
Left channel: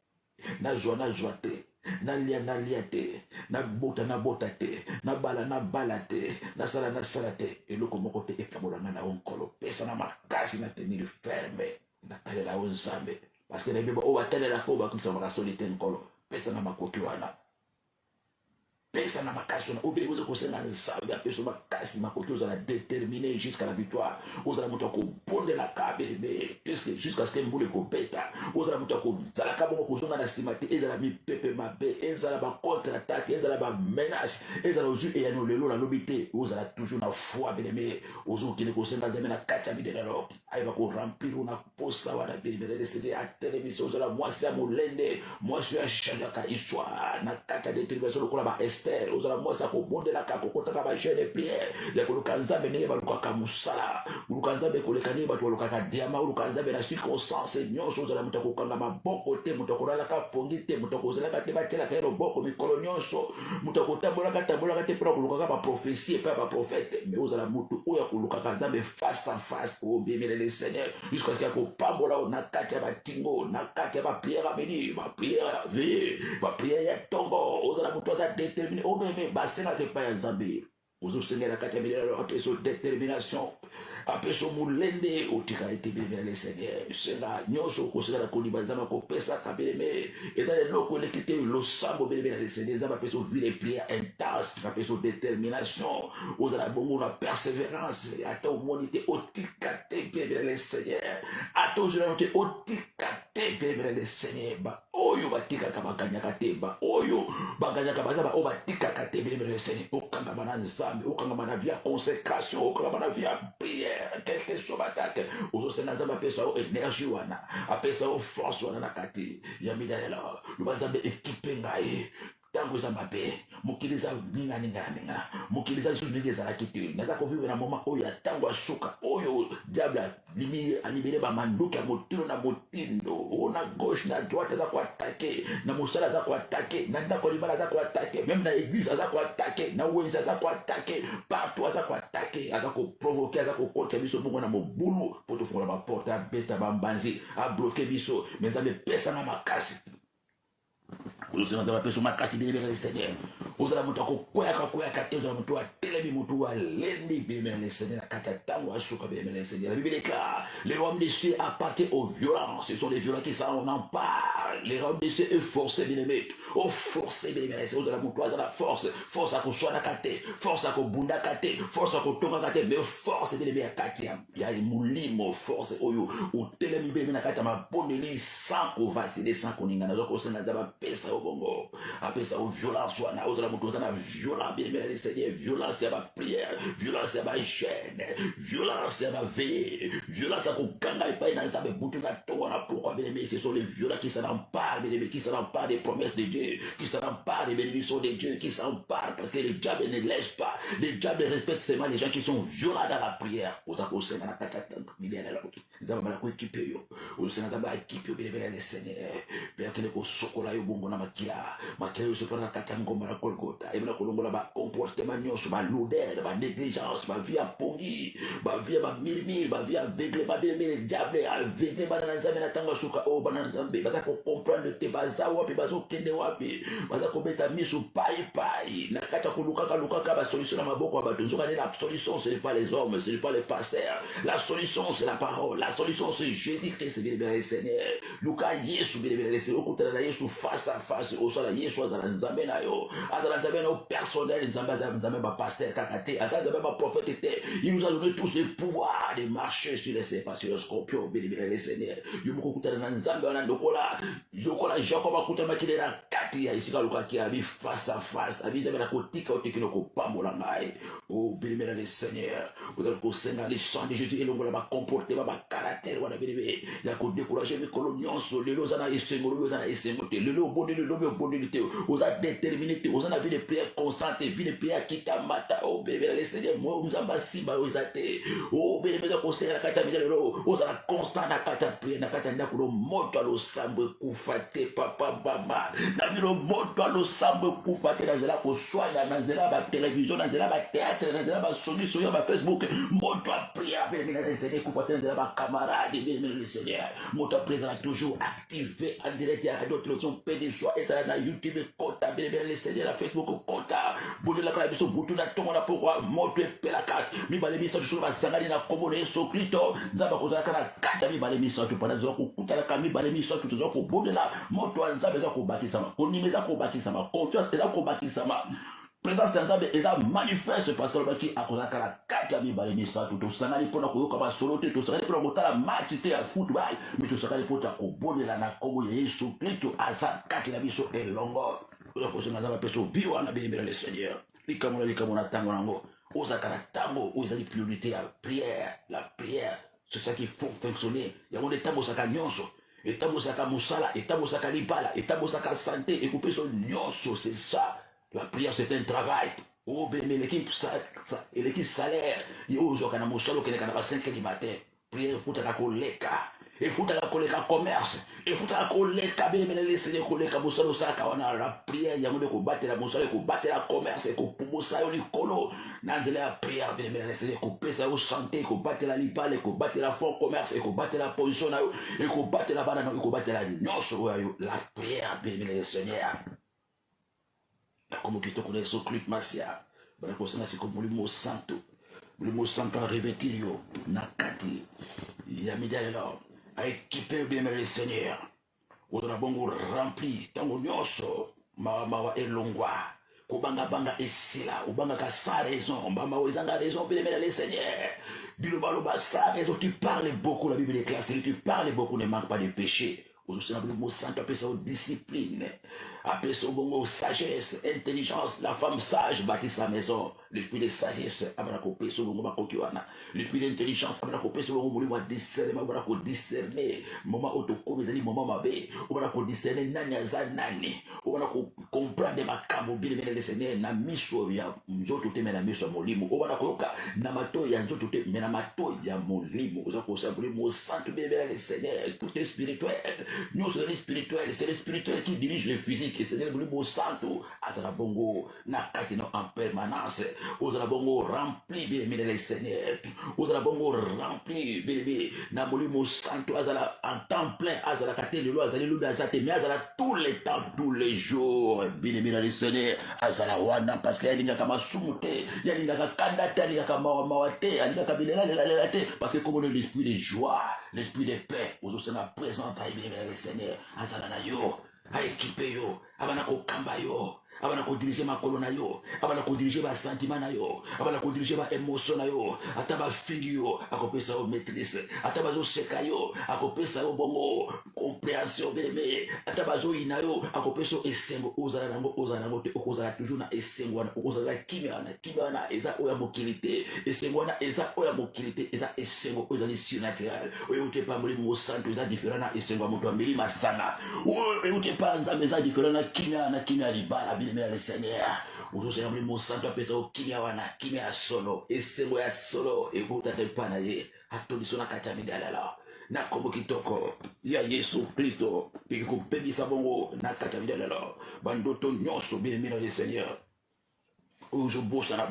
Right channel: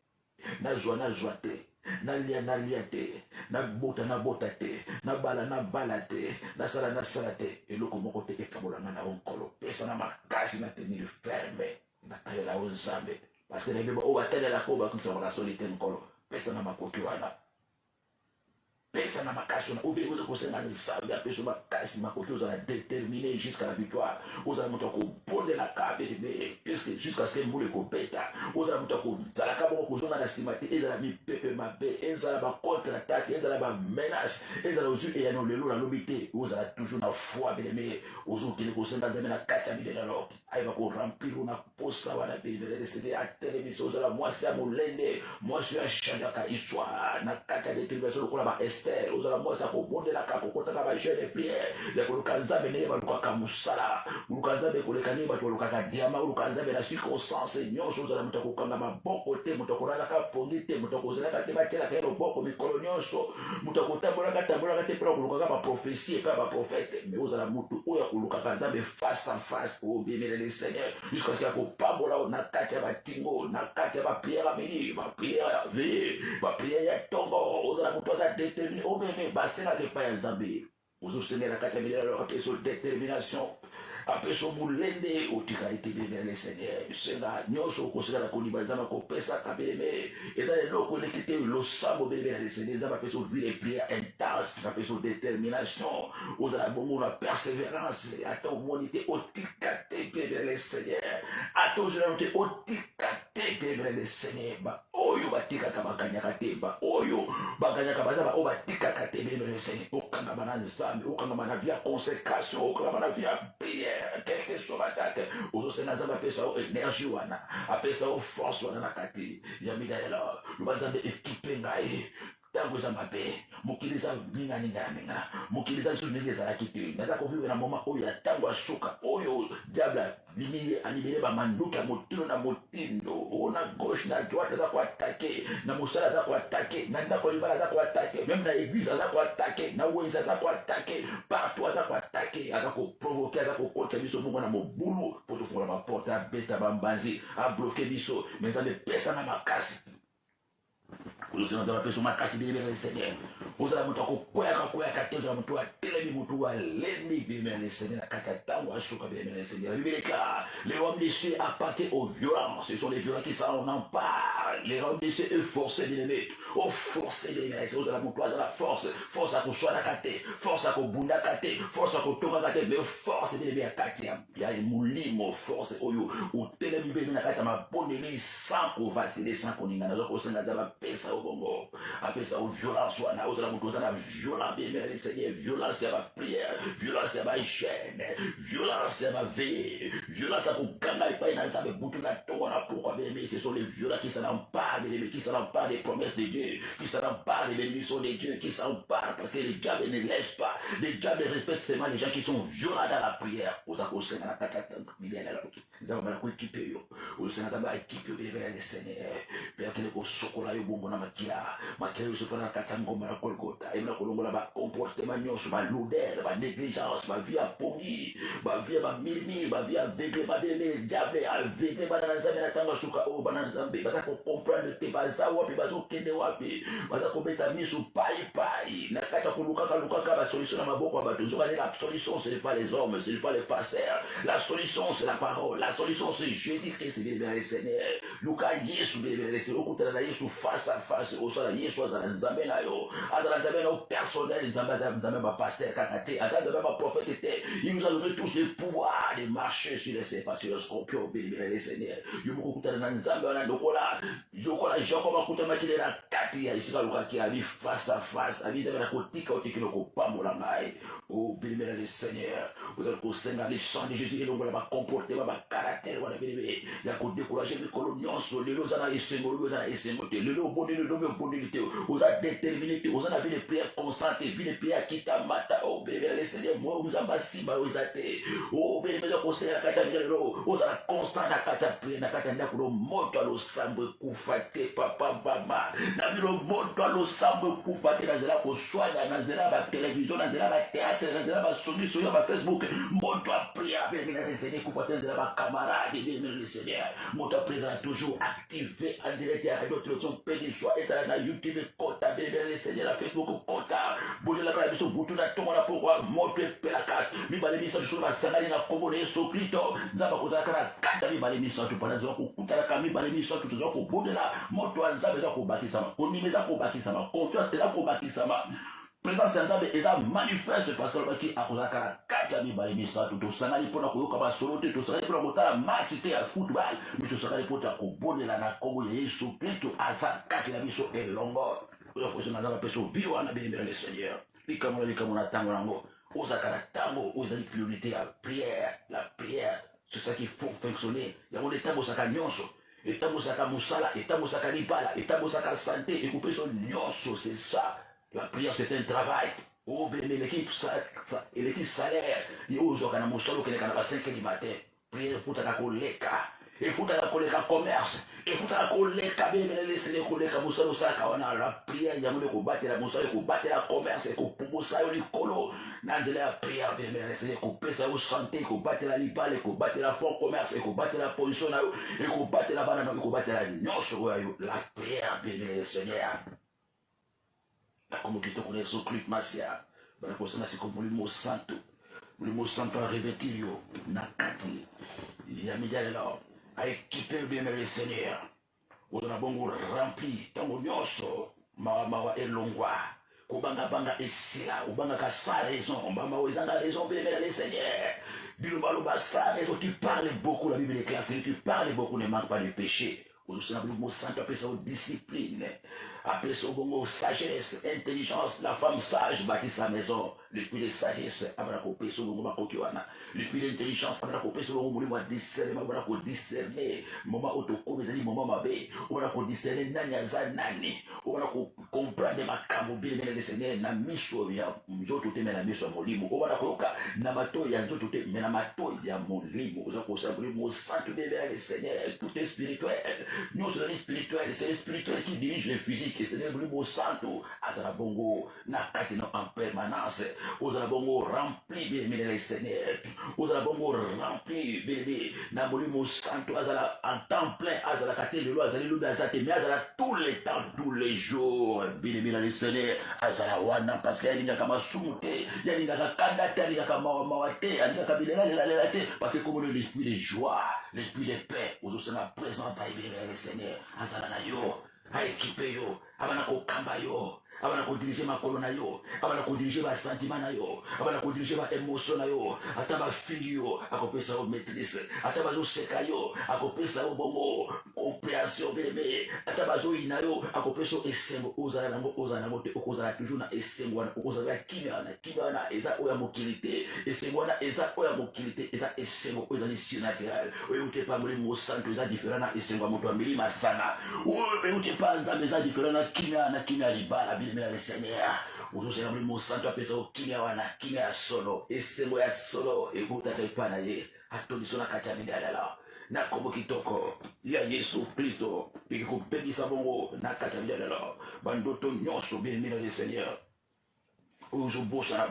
nazwa te nalia te nabota te nabala te nasala te eloko moko te ekabolanga na yo nkolo pesa na makasi na tenir ferme natalela yo nzambe parce que nayebeba oyo batalelaka oyo bakokisa makasoli te nkolo pesa na makoki wana pesa na makasi wana obele koza kosenga nzambe apeso makasi makoki ozala déterminé jusqu'à la victoire ozala moto akobondelaka belebe jusqu'à ce que mbula ekobeta ozala moto akozalaka bongo kozonga na nsima te ezala mipepe mabe ezala bacontre attaque ezala bamenace ezala ozwi eyano lelo nalobi te ozala toujours na foi beleme ozokende kosenga nzambe na kati ya midelelo ayeba koremplir na posa wana belebelesede atelemisi ozala mwasi ya molende mwasi oyo achangeaka histoire na kati ya détermination lokola ba ozala mwasi akobondelaka kokotaka bagene priere ya koluka nzambe ndenge balukaka mosala koluka nzambe koleka ndenge bato balukaka diama oluka nzambe na circonstance nyonso ozala moto akokanga maboko te, moto akolalaka pongi te, moto akozalaka te batielaka ye loboko mikolo nyonso, moto akotambolaka te mpona kolukaka baprofesie epai ya baprofete, me ozala motu oyo akolukaka nzambe face à face obemela le Seigneur jusqu'à ce qu'il akopambola o na kati ya batingo, na kati ya bapriere ya midi, bapriere ya ve, bapriere ya ntongo, ozala motu aza déterminé obeme basengaka epai ya nzambe ozosengela kati ya milelo apesa détermination apesa molende otika ete beleme le Seigneur senga nyonso okosengela kolima nzambe akopesaka beleme eza eloko eleki te losambo beleme le Seigneur nzambe apesa ovile prière intense apesa détermination ozala bongo na persévérance ata omoni te otika te beleme le Seigneur ata ozala te otika te beleme le Seigneur oyo batikaka bakanyaka te oyo bakanyaka bazaba oyo batikaka te beleme le Seigneur okangama na nzambe okangama na via consécration okangama na via prière quelque chose batake ozosenga nzambe apesa o énergie wana apesa o force wana na kati ya midalela luba nzambe ekipe ngai ntango eza mabe mokili eza ninganinganinga mokili eza lisusu ndenge ezalaki te naza kovivre na moma oyo ya ntango ya suka oyo diable alibere bamanduki ya motino na motindo na gauche na droite aza koatake na mosala aza koatake na ndako libala aza koatake meme na église aza koatake na wenze aza koatake partout aza koatake aza koprovoke aza kokotisa biso bongo na mobulu mpo tofungola baporte abeta bambanzi abloke biso me nzambe epesanga makasi ozala nzambe apesa makasi bilemela le Seigneur ozala moto akokweyaka te ozala moto atelemi moto alendi bilemela le Seigneur na kati ya ntango asuka bilemela le Seigneur la Bible déclare les royaumes des cieux appartiennent aux violences ce sont les violents qui s'en emparent les royaumes des cieux est forcé bilemé o forcé bilemela le Seigneur ozala moto azala force akoswanaka te force akobundaka te force akotongaka te mais force bilemé ya kati ya molimo force oyo otelemi bilemé na kati ya mabondeli sans kovasile sans koningana ozokosenga nzambe apesa bongo apesa o violence wana ozala moto ozala violent bilemela le Seigneur violence ya baprière violence ya bachaîne violence ya baveille violence ya kokanga epai na nzambe butu na ntongo na pourquoi bilemé ce sont les violents qui s'en emparent bilemé qui s'en emparent des promesses de Dieu qui s'en emparent des bénédictions de Dieu qui s'en emparent parce que le diable ne laisse pas le diable respecte seulement les gens qui sont violents dans la prière oza kosenga na kata miliana la nzambe na koekipe yo osenga nzambe aekipe yo bilemela le Seigneur pe akele kosokola yo bongo na makila oyo sopona na kati ya ngomba na Golgota ebona kolongola bacomportement nyonso balodere banégligence bavie ya pongi bavie ya bamirmire bavie ya aveugle babeleme diable aveugle bana na nzambe na ntango ya suka oyo bana na nzambe baza kocomprendre te baza wapi bazokende wapi baza kobeta miso paipai na kati ya kolukaka basolution na maboko ya bato nzokane la solution ce n'est pas les hommes ce n'est pas les pasteurs la solution c'est la parole la solution c'est Jésus-Christ bilemela le Seigneur luka Yesu bilemela le Seigneur okutana na Yesu face à face osala Yesu azala nzambe na yo azala nzambe na yo personnel nzambe azala nzambe bapaster kaka te azala nzambe baprofete te il nous a donné tous le pouvoir de marcher sur les serpents sur les scorpions bilemela le Seigneur yo moko okutana na nzambe wana lokola Jacob akutamaki na kati ya esika alukaki abi face à face abi nzambe na kotika otikile kopambola ngai o bilemela le Seigneur ozala kosenga le sang de Jésus elongola bacomportement bacaractère wana bileme ya kodécourager mikolo nyonso lelo oza na esengo te lelo obondeli lobi obondeli te oza déterminé te oza na vie de prière constante vie de prière kitamata o bilemela le Seigneur mo nzambe asimba oyo eza te o bilemela kosenga na kati ya mikolo lelo ozala constant na kati ya prière na kati ya ndako lo moto alosambo ekufa te papa mama na vilo moto alosambo ekufa te na nzela koswanya na nzela batelevizio na nzela bateatre na nzela basolution ya bafacebook moto apria bilemela le Seigneur ekufa te na nzela bakamarade bilemela le Seigneur moto apria toujours activé en direct ya radio télévision pede soit ezala na YouTube kota bilemela le Seigneur na Facebook kota bodelaka na biso butu na ntongo na pokwa moto epelaka mibale misato solo basangani na kombo na Yesu Kristo nzambe akozalaka na kati ya mibale misato mpona toza kokutanaka mibale misato toza kobondela moto ya nzambe eza kobakisama kondima eza kobakisama confiance eza kobakisama présence ya nzambe eza manifeste parce que alobaki akozalaka na kati ya mibale misato tosangani mpona koyoka basolo te tosangani mpona kotala match te ya football me tosangani mpona kobondela na kombo ya Yesu Kristo aza kati na biso elongo oyo kosenga nzambe apesa ovi wana bilemela le Seigneur likambo na ntango nango ozalaka na ntango ozali priorité ya prière la prière c'est ça qu'il faut fonctionner yango nde etambosaka nyonso etambosaka mosala etambosaka libala etambosaka santé ekopesa nyonso c'est ça. La prière, c'est un travail. Oh, mais l'équipe salaire, il y a aux organismes, au 5 du matin. Prière pour ta koleka. efutaka koleka commerce, efutaka koleka bene lesele koleka musala osaka wana la prière yango de kobatela musala kobatela commerce kopubusa yo likolo na nzela ya prière bene lesele kopesa yo santé kobatela libale kobatela fond commerce kobatela position na yo kobatela bana na kobatela nyonso oyo la prière bene lesele na como kitoko na so clip masia bana kosana siko mulimo santo revêtir yo na kati ya midalelo a équipé bien le Seigneur ozala bongo rempli tango nyonso mawa elongwa kobanga esila obangaka sans raison mbamba ozanga raison bien le Seigneur bilobaloba sans raison tu parles beaucoup la Bible déclare tu parles beaucoup ne manque pas de péché ozosala bongo santo apesa o discipline apesa bongo sagesse intelligence la femme sage bâtit sa maison l'esprit de sagesse abana kopesa bongo makoki wana l'esprit d'intelligence abana kopesa bongo molimo ya discernement abana kodiscerne moment otokomi ezali moment mabe obana kodiscerne nani aza nani obana comprendre makambo bilemele le Seigneur na miso ya nzoto te me na miso ya molimo obana koyoka na matoi ya nzoto te me na matoi ya molimo oza kosala molimo santo bilemele le Seigneur tout est spirituel nyonso ezali spirituel c'est le spirituel qui dirige le physique et Seigneur molimo santo azala bongo na kati na en permanence ozala bongo rempli bilemele le Seigneur ozala bongo rempli bilemele na molimo santo azala en temps plein azala kate lelo azali lobi azate mais azala tous les temps tous les jours bilemele le Seigneur azala wana parce que alingaka masumu te alingaka kanda te alingaka mawa te alingaka bilela te parce que comme l'esprit de joie l'esprit de paix ozosala présente bilemele le Seigneur azala na yo aéquipe yo abana kokamba yo abana kodirige makolo na yo abana kodirige basentiment na yo abana kodirige baémotion na yo ata bafili yo akopesa yo maîtrise ata bazoseka yo akopesa yo bongo compréhension beleme ata bazoyina yo akopesa yo esengo ozala nango te okozala toujours na esengo wana okozala kimia wana eza oyo ya mokili te esengo wana eza oyo ya mokili te eza esengo oyo ezali surnaturel oyo euti epa molimo santo eza différent na esengo ya moto ya milima sana oyo euti epa nzambe eza différent na kimia libala bilemela le Seigneur ozozela molimo santo apesa yo kimia wana kimia ya solo esengo ya solo ekutaka epa na ye atoniso na kati ya midalala na kombo kitoko ya Yesu Kristo peki kopebisa bongo na kati ya midalala bandoto nyonso bilemela le Seigneur ozobosana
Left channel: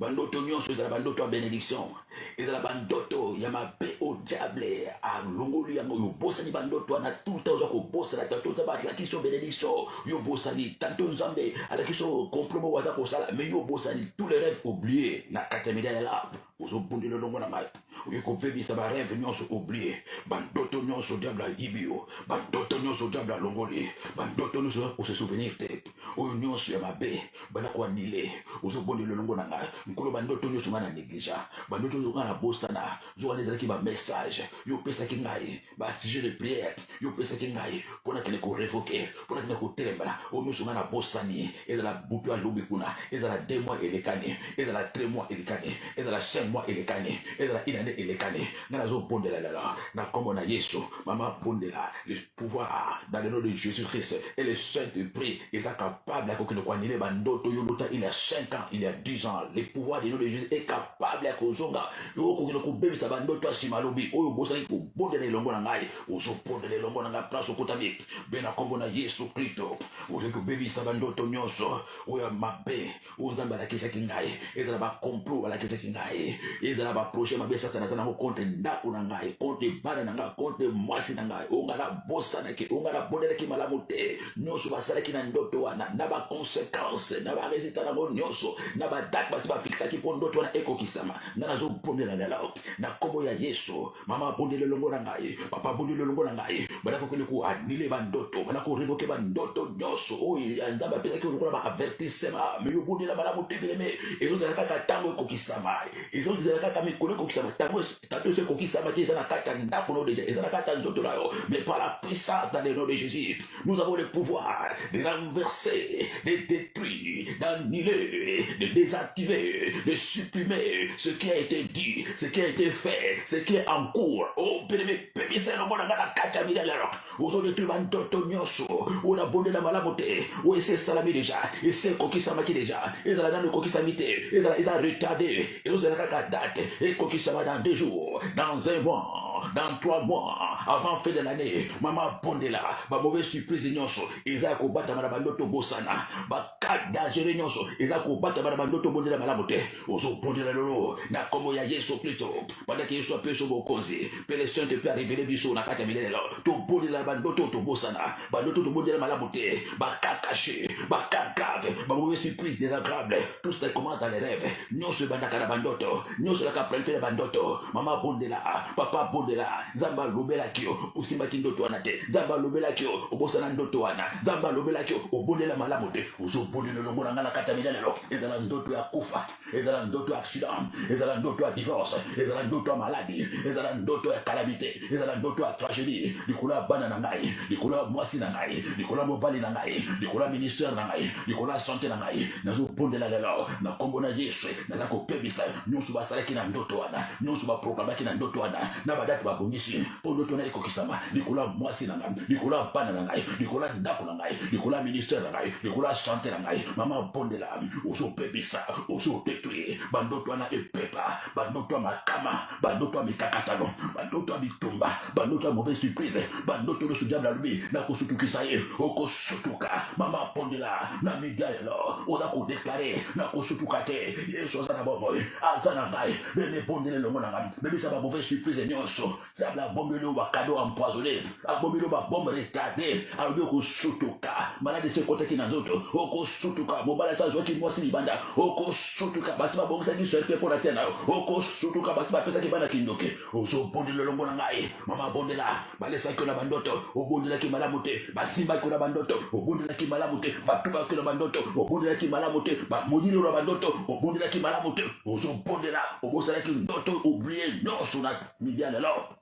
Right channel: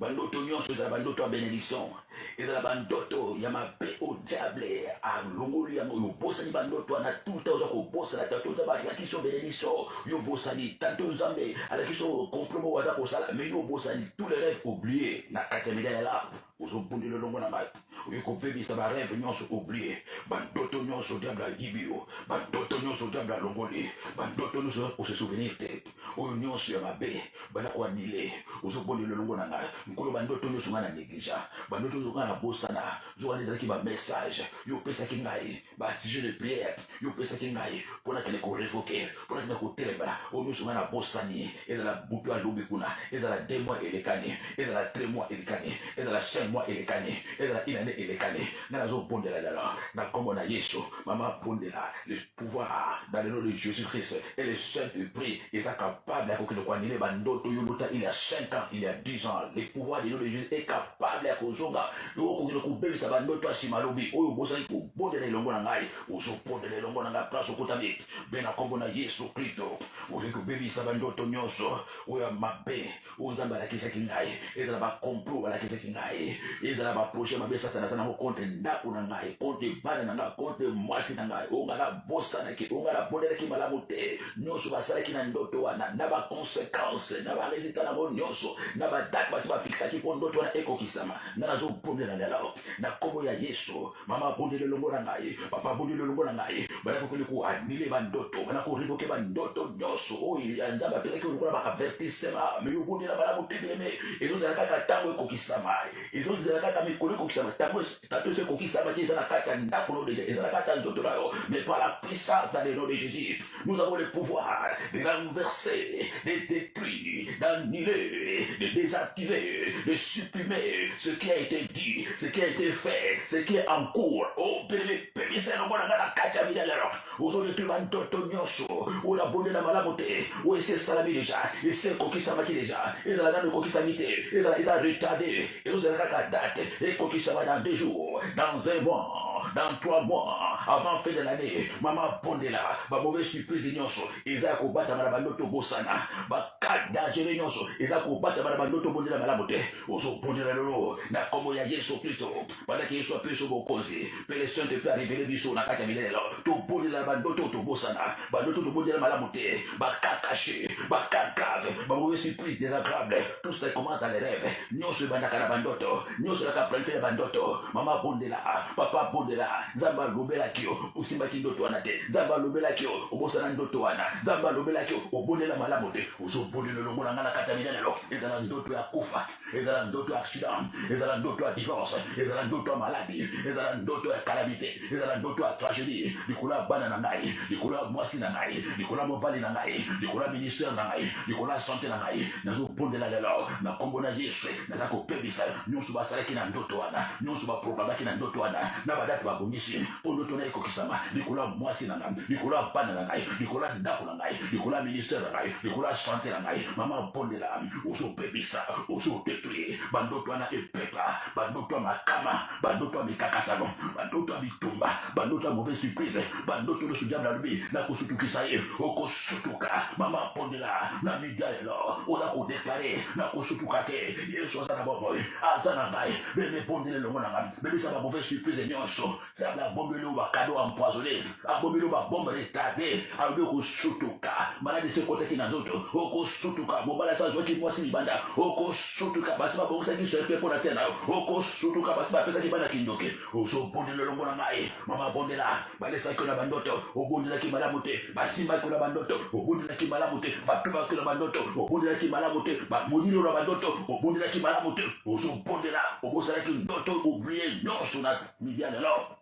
bandoto nyonso ezala bandoto ya bénédiction ezala bandoto ya mabe au diable alongoli yango yobosani bandoto wana tout le temps oza kobosana tanto nzambe azalaki so bénédiction yobosani tanto nzambe azalaki so compromis aza kosala mais yobosani tous les rêves oubliés na kati ya midalala ozobundela elongo na ngai oyo kopebisa barêve nyonso oublié bandoto nyonso diable alibi yo bandoto nyonso diable alongoli bandoto nyonso ose souvenir te oyo nyonso ya mabe bana koanile ozobondela elongo na ngai nkolo bandoto nyonso ngai na négligea bandoto nyonso ngai na bosana zo wana ezalaki bamessage yo opesaki ngai basujet de prière yo opesaki ngai mpona kende korevoke mpona kende kotelema oyo nyonso ngai na bosani ezala butu alubi kuna ezala 2 mois elekani ezala 3 mois elekani ezala 5 mois elekani ezala une année elekani ngai nazobondela lelo na kombo na Yesu mama bondela le pouvoir dans le nom de Jésus-Christ et le Saint-Esprit eza capable ya kokende koanile bandoto yo lota il y a 5 ans il y a 10 ans le pouvoir du nom de Jésus est capable ya kozonga yo kokende kobebisa bandoto ya nsima lobi oyo bozali kobondela elongo na ngai ozobondela elongo na ngai place okotami mpe na kombo na Yesu Kristo ozali kobebisa bandoto nyonso oyo ya mabe oyo nzambe alakisaki ngai ezala bacomplo balakisaki ngai ezala baprojet mabe satana aza nango contre ndako na ngai contre bana na ngai contre mwasi na ngai oyo ngai nabosanaki oyo ngai nabondelaki malamu te nyonso basalaki na ndoto wana na baconséquence na baresultat nango nyonso na badate basi bafikisaki mpo ndoto wana ekokisama nga nazobondela lelo na kombo ya Yesu mama abondela elongo na ngai papa abondela elongo na ngai banakokende koanile bandoto banakorevoke bandoto nyonso oyo nzambe apesaki lokola baavertissement me yobondela malamu te bileme ezozala kaka ntango ekokisama ezozala kaka mikolo ekokisama ntango eso ekokisama te eza na kati ya ndako no deja eza na kati ya nzoto na yo mais par la puissance dans le nom de Jésus nous avons le pouvoir de renverser de détruire d'annuler de désactiver de supprimer ce qui a été dit ce qui a été fait ce qui est en cours oh bileme pebisa elongo na ngai na kati ya midalelo ozodetruire bandoto nyonso oyo nabondela malamu te oyo esi esalami deja esi ekokisamaki deja ezala nano ekokisami te eza retardé ezozala kaka date ekokisama dans 2 jours dans 1 mois dans 3 mois, avant fin de l'année, maman Bondela, ma mauvaise surprise de nyonso, eza kobata bana bandoto bosana, ba kat dangereux nyonso, eza kobata bana bandoto bondela malabote, ozo bondela lolo, na komo ya Yesu Kristo, pendant que Yesu appelle sur bokonzi, pe les saints te peut révéler du son na kata milele lo, to bondela bandoto to bosana, bandoto to bondela malabote, ba kat caché, ba kat grave, ma mauvaise surprise désagréable, tout ce qui commence dans les rêves, nyonso banda kana bandoto, nyonso la kaplanté bandoto, maman Bondela, papa Bondela, zamba lobela kio, usimaki ndoto wana te, zamba lobela kio, obosana ndoto wana, zamba lobela kio, obondela malamu te, uzo bondela longo na ngana kata milele lo, ezala ndoto ya kufa, ezala ndoto ya accident, ezala ndoto ya divorce, ezala ndoto ya maladie, ezala ndoto ya calamité, ezala ndoto ya tragédie, likula bana na ngai, likula mwasi na ngai, likula mobali na ngai, likula ministère na ngai, likula santé na ngai, nazo bondela lelo, na kombo na Yesu, naza kopebisa, nyonso basalaki na ndoto wana, nyonso baproklamaki na ndoto wana, na badati babongisi, po ndoto na ekokisama, likula mwasi na ngai, likula bana na ngai, likula ndako na ngai, likula ministère na ngai, likula santé na ngai, mama bondela, ozopebisa, ozodetruire, bandoto wana epepa, bandoto ya makama, bandoto ya mikakatano, bandoto ya bitumba, bandoto ya mauvaise surprise, bandoto nyonso diable alobi, na kosutukisa ye, okosutuka, mama bondela, na midia lelo, oza kodeklare, na kosutuka te, Yesu aza na bomoi, aza na ngai, bebe bondela longo na ngai, bebisa ba mauvaise surprise nyonso, sabla bombele ou ba cadeau empoisonné, abombele ou ba bombe retardée, alobi okosutuka, malade se kotaki na nzoto, okosutuka, mobala sa zoki mwasi libanda, okosutuka, basi ba bongisa ki serte pona tena, okosutuka, basi ba pesa ki bana kindoke, ozo bondela longo na ngai, mama bondela, balesa ki na bandoto, obondela ki malamu te, basimba ki na bandoto, obondela ki malamu te, batuba ki na bandoto, obondela ki malamu te, bamodilo na bandoto, obondela ki malamu te, ozo bondela, obosala ki ndoto, oublier nyonso na midia lelo.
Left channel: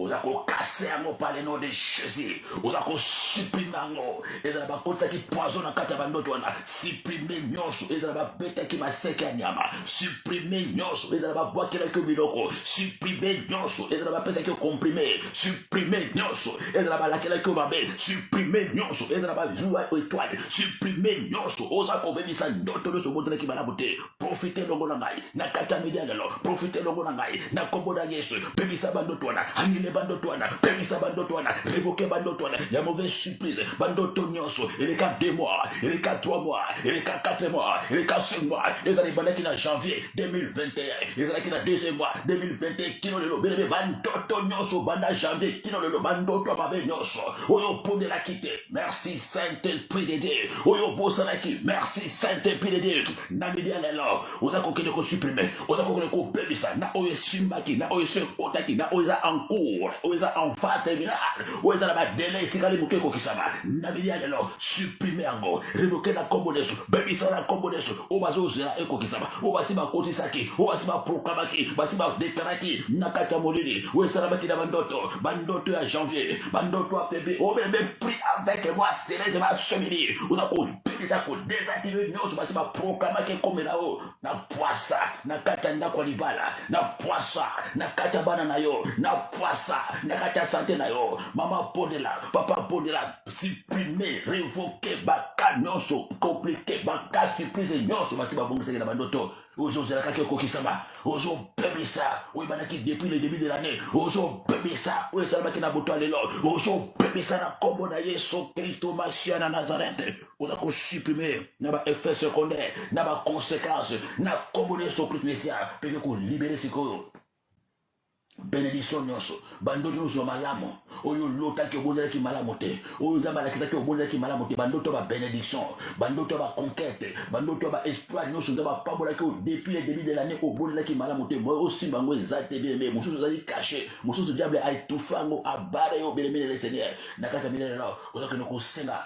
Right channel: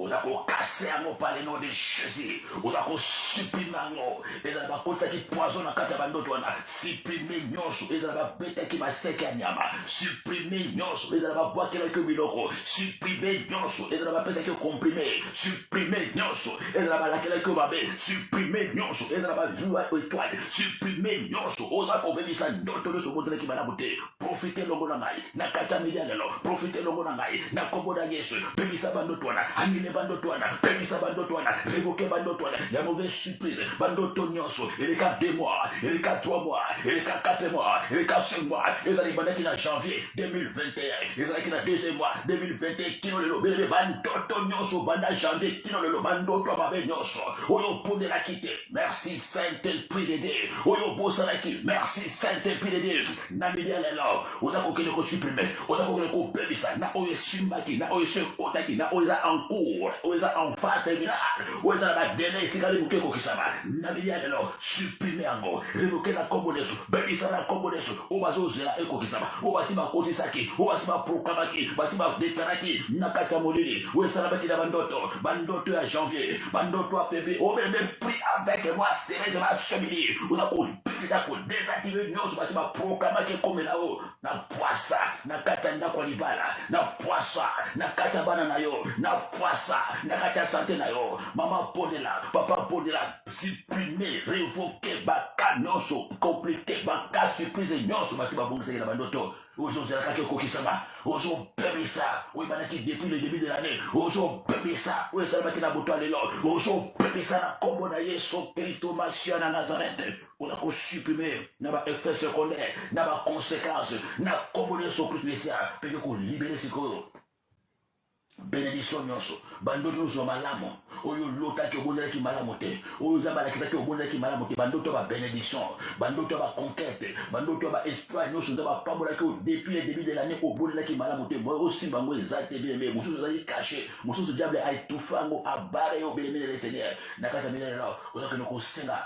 Oza kokase yango par le nom de Jésus. Oza kosupprime yango. Ezala bakotaki poison na kati ya bandoto wana. Supprime nyonso. Ezala babetaki maseke ya nyama. Supprime nyonso. Ezala babwakelaki biloko. Supprime nyonso. Ezala bapesaki comprime. Supprime nyonso. Ezala balakelaki mabe. Supprime nyonso. Ezala bazwa étoile. Supprime nyonso. Oza kobebisa ndoto nyonso botelaki malamu te. Profite longo na ngai. Na kati ya midia lelo. Profite longo na ngai. Na kombo na Yesu. Bebisa bandoto wana. Bandoto wana, permisa bandoto wana, révoquer bandoto wana, il y a mauvaise surprise, bandoto nyonso, il est qu'à 2 mois, il est qu'à 3 mois, il est qu'à 4 mois, il est qu'à 5 mois, les années bandoto qui en janvier 2021, les années qui en 2e mois 2021, kino lelo, bébé bandoto nyonso, banda janvier, kino lelo, bandoto ababe nyonso, oyo pone la quitte, merci Saint-Esprit de Dieu, oyo bosanaki, merci Saint-Esprit de Dieu, namidia lelo, oza kokele ko supprimer, oza kokele ko permisa, na oyo simbaki, na oyo se otaki, na oyo en cours, oza en phase terminale, oza ba délai sikali muke ko kisama, namidia lelo, supprimer yango, révoquer la combo deso, bebisa la combo deso, obazo zera eko kisama, obasi ba kotisaki, obasi ba proclamaki, obasi ba déclaraki, nakata molili, oza ba kida bandoto ya janvier, bandoto ya février, o même pris avec moi, serré de ma cheminée, oza ko bebisa ko désactiver nyonso, basi ba proclamaki comme là haut, na poissa, na kata ndako libala, na poissa, na kata bana na yo, na poissa, na kata santé na yo, mama Bondela, papa Bondela, supprimer, révoquer, baka nyonso, compliqué, baka surprise nyonso, basi ba bongisa na bandoto, ozo zela kake kokisama, ozo pebisa, oui banaki depuis le début de l'année, ozo pebisa, oui ça maki na boto alelo, ozo pebisa na kombo na Yesu Kristo Masia na Nazareth, on a ko supprimer na ba effet secondaire, na ba conséquences, na kombo na Yesu Kristo Masia, pe ko libérer sikoyo. Bénédiction nyonso, bandoto nyonso malamu, oyo lotaki obondelaki malamu te, oyo zamba lakisaki obondelaki malamu te, bandoto ba bénédiction, bandoto ba conquête, bandoto ba espoir nyonso zamba pambolaki depuis le début de l'année obondelaki malamu te, moi aussi bango ezate bien mais mususu zali caché, mususu diable a étouffé ngo abare yo bénémoine le Seigneur, nakata milele là, oza que ko senga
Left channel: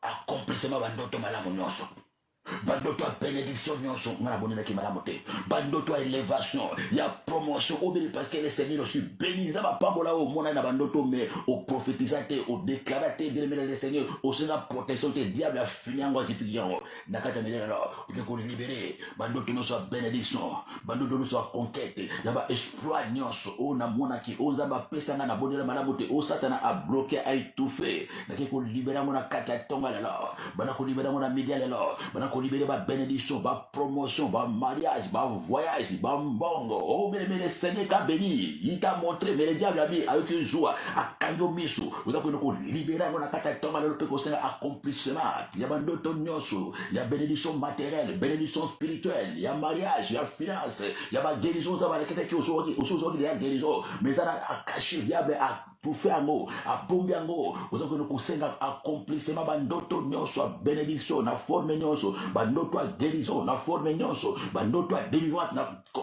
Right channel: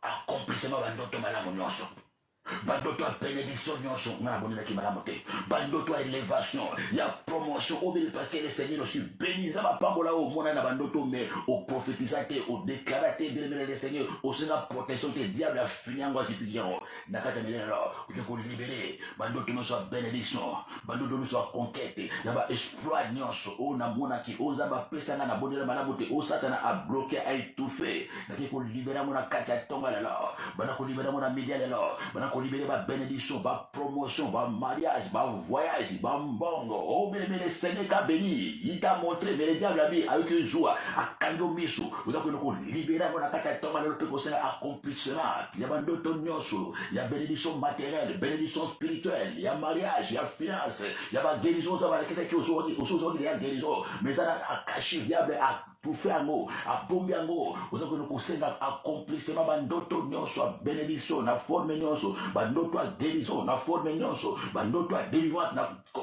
accomplissement bandoto malamu nyonso. Bandoto a bénédiction nyonso na bonelaki malamu te, bandoto a élévation, il y a promotion au béni parce que le Seigneur aussi béni za ba pambola au mona na bandoto mais au prophétisate au déclaraté de le Seigneur au sena protection te diable a fini ngo kipiyango nakata milele là on ko libérer bandoto nyonso a bénédiction, bandoto nyonso a conquête, ya ba espoir nyonso o na mona ki o za ba pesa na bonela malamu te o satana a bloqué a étouffé na ko libérer mona kata tonga là bana ko libérer mona média là bana qu'on libère ma bénédiction, ma promotion, ma mariage, ma voyage, ma mbongo. Oh, mais le Seigneur t'a béni. Il t'a montré, mais le diable a mis avec une joie, à Kanyo Misu. Vous avez qu'on libère mon akata le peu qu'on accomplissement. Il y a d'autres notions, il y a bénédiction matérielle, bénédiction spirituelle, il y a mariage, il y a finance, il y a guérison, il y a quelqu'un qui aujourd'hui, il y a guérison. Mais ça a caché, il y a tout fait un mot, à bomber un mot, vous avez qu'on accomplissement, d'autres notions, bénédiction, la forme notion, d'autres guérison, la forme notion, d'autres délivrance,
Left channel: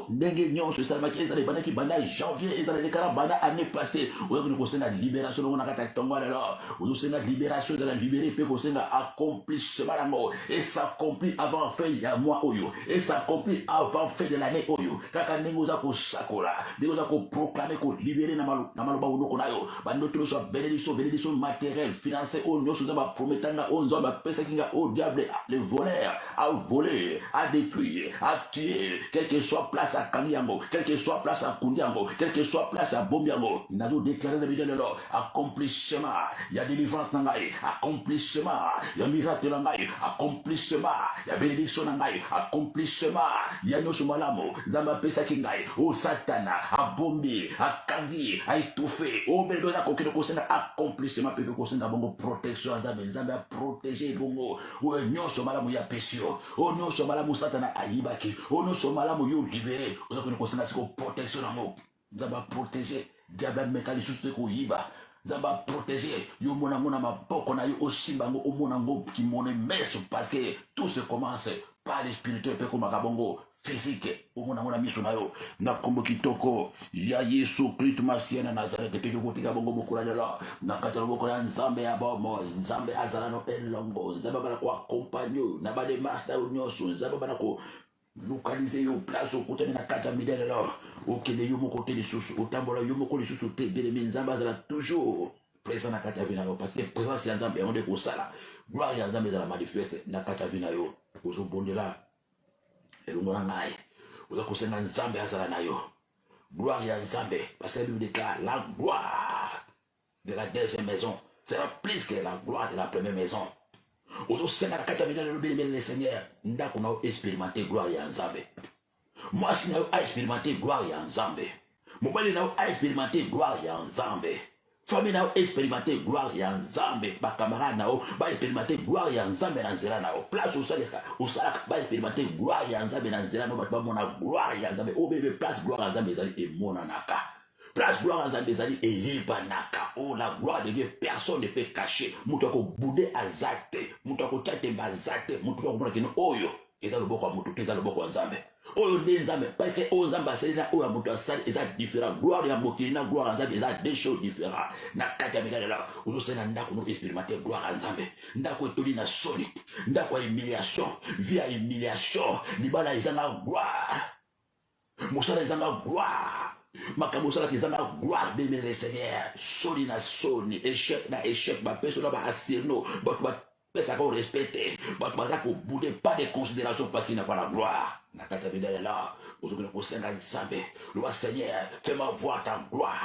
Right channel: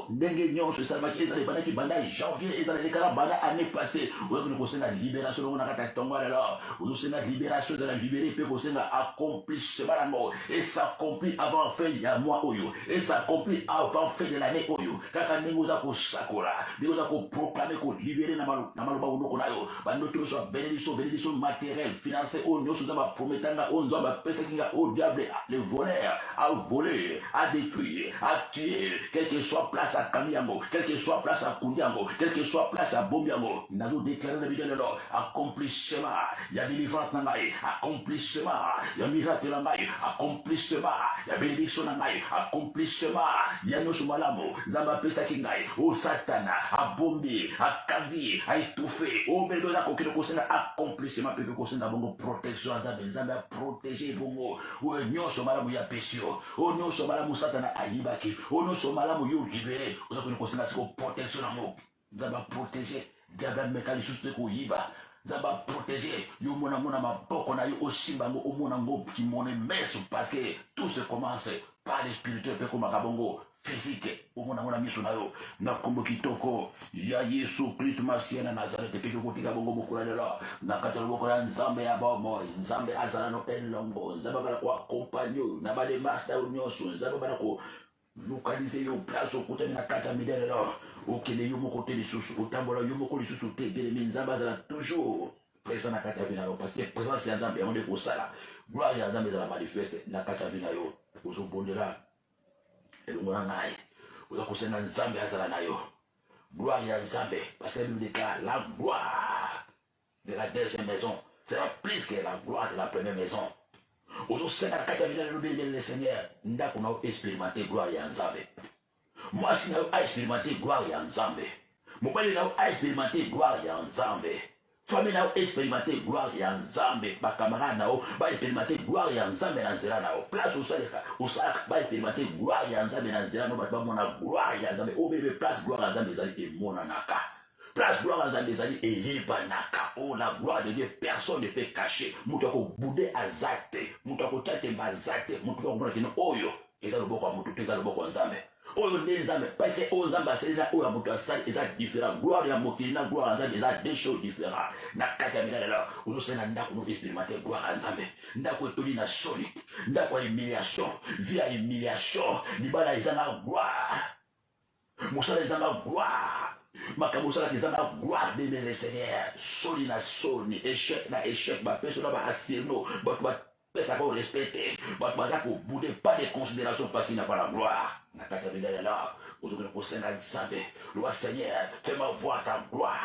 ndenge nyonso esalamaki ezala ebandaki banda janvier ezala lekala banda année passée oyoki kosenga libération longo na kati ya ntongo lelo ozosenga libération ezala libéré mpe kosenga accomplissement yango et s'accomplit avant fin ya mois oyo et s'accomplit avant fin de l'année oyo kaka ndenge oza kosakola ndenge oza koproclame kolibéré na maloba ondoko na yo bandoto nyonso ya bénédiction matérielle financière oyo nyonso oza baprometanga oyo nzambe apesaki nga oyo diable le voleur a volé a détruit a tué quel que soit place à Kamiango, quel que soit place à Kundiango, quel que soit place à Bombiango, nous avons déclaré le vidéo accomplissement, il y a délivrance nangaï, accomplissement, il y a miracle nangaï, accomplissement, il y a bénédiction nangaï, accomplissement, il y a nos malamo, Zamba Pesakingaï, au Satana, à Bombi, à Kangi, à étouffer, au Bédola, aucun conseil accomplissement, puis que conseil d'abord protection, Zamba a protégé Bongo, ou un nyon sur malamo ya Pessio, au nyon sur malamo Satana à Ibaki, au nyon sur malamo yo libéré, vous avez une protection en mots. Vous avez protégé, diable mécanisme de Koyiba. Vous avez protégé, yo mona ma boko na yo aussi bango au monango qui monnaie messe parce que tout se commence par les spirituels peu comme Kabongo physique. Au monango na miso na yo na kombo kitoko ya Yesu Kristo Masia na Nazareth pe ko tika bongo bokura la na katalo bokura nzambe ya bomo nzambe azala no elongo nzambe bana ko accompagner na ba de master nyonso nzambe bana ko localiser yo place au côté de la carte midèle alors okele yo mo côté de sous otambola yo mo ko sous te de nzamba za toujours présent na carte vina yo parce que présence ya nzambe on de ko sala gloire ya nzambe za la manifeste na carte vina yo ozo bondela elongo na ngai ozo ko senga nzambe azala na yo gloire ya nzambe parce que la Bible déclare la gloire de la deuxième maison sera plus que la gloire de la première maison. Au sein de la capitale le Seigneur, nous avons expérimenté gloire et Nzambe. Moi, si nous avons expérimenté gloire et Nzambe, mon père a expérimenté gloire et Nzambe. Famille n'a expérimenté gloire et Nzambe. Ma camarade n'a pas expérimenté gloire et Nzambe dans Zéla. Place au sol, au sac, pas expérimenté gloire et Nzambe dans Zéla. Nous avons gloire et Nzambe. Au bébé, place gloire et Nzambe et Monanaka. Place gloire à Zambézali et Yibanaka. Oh, la gloire de Dieu, personne ne peut cacher. Moutako boudé à Zate. Moutako tate mazate. Moutako boudé à Oyo. Et ça le boko à Moutako, ça le boko à Zambé. Oyo ne Zambé. Parce que Oyo Zambé, c'est là, Oyo Moutako, ça est différent. Gloire à Moukina, gloire à Zambé, ça des choses différentes. Nakata Migala là. Oyo c'est Nandako, nous expérimenter gloire à Zambé. Ndako Toli na soli. Ndako humiliation. Via humiliation. Nibala Izanga gloire. Moussala Izanga gloire. Makamosala kizanga gloire de le Seigneur soli na soni échec na échec ba personne ba astirno ba pesa ko respecter ba ko bouder pas de considération parce qu'il n'a pas la gloire na kata bidela là aujourd'hui ko senga nzambe le Seigneur fais-moi voir ta gloire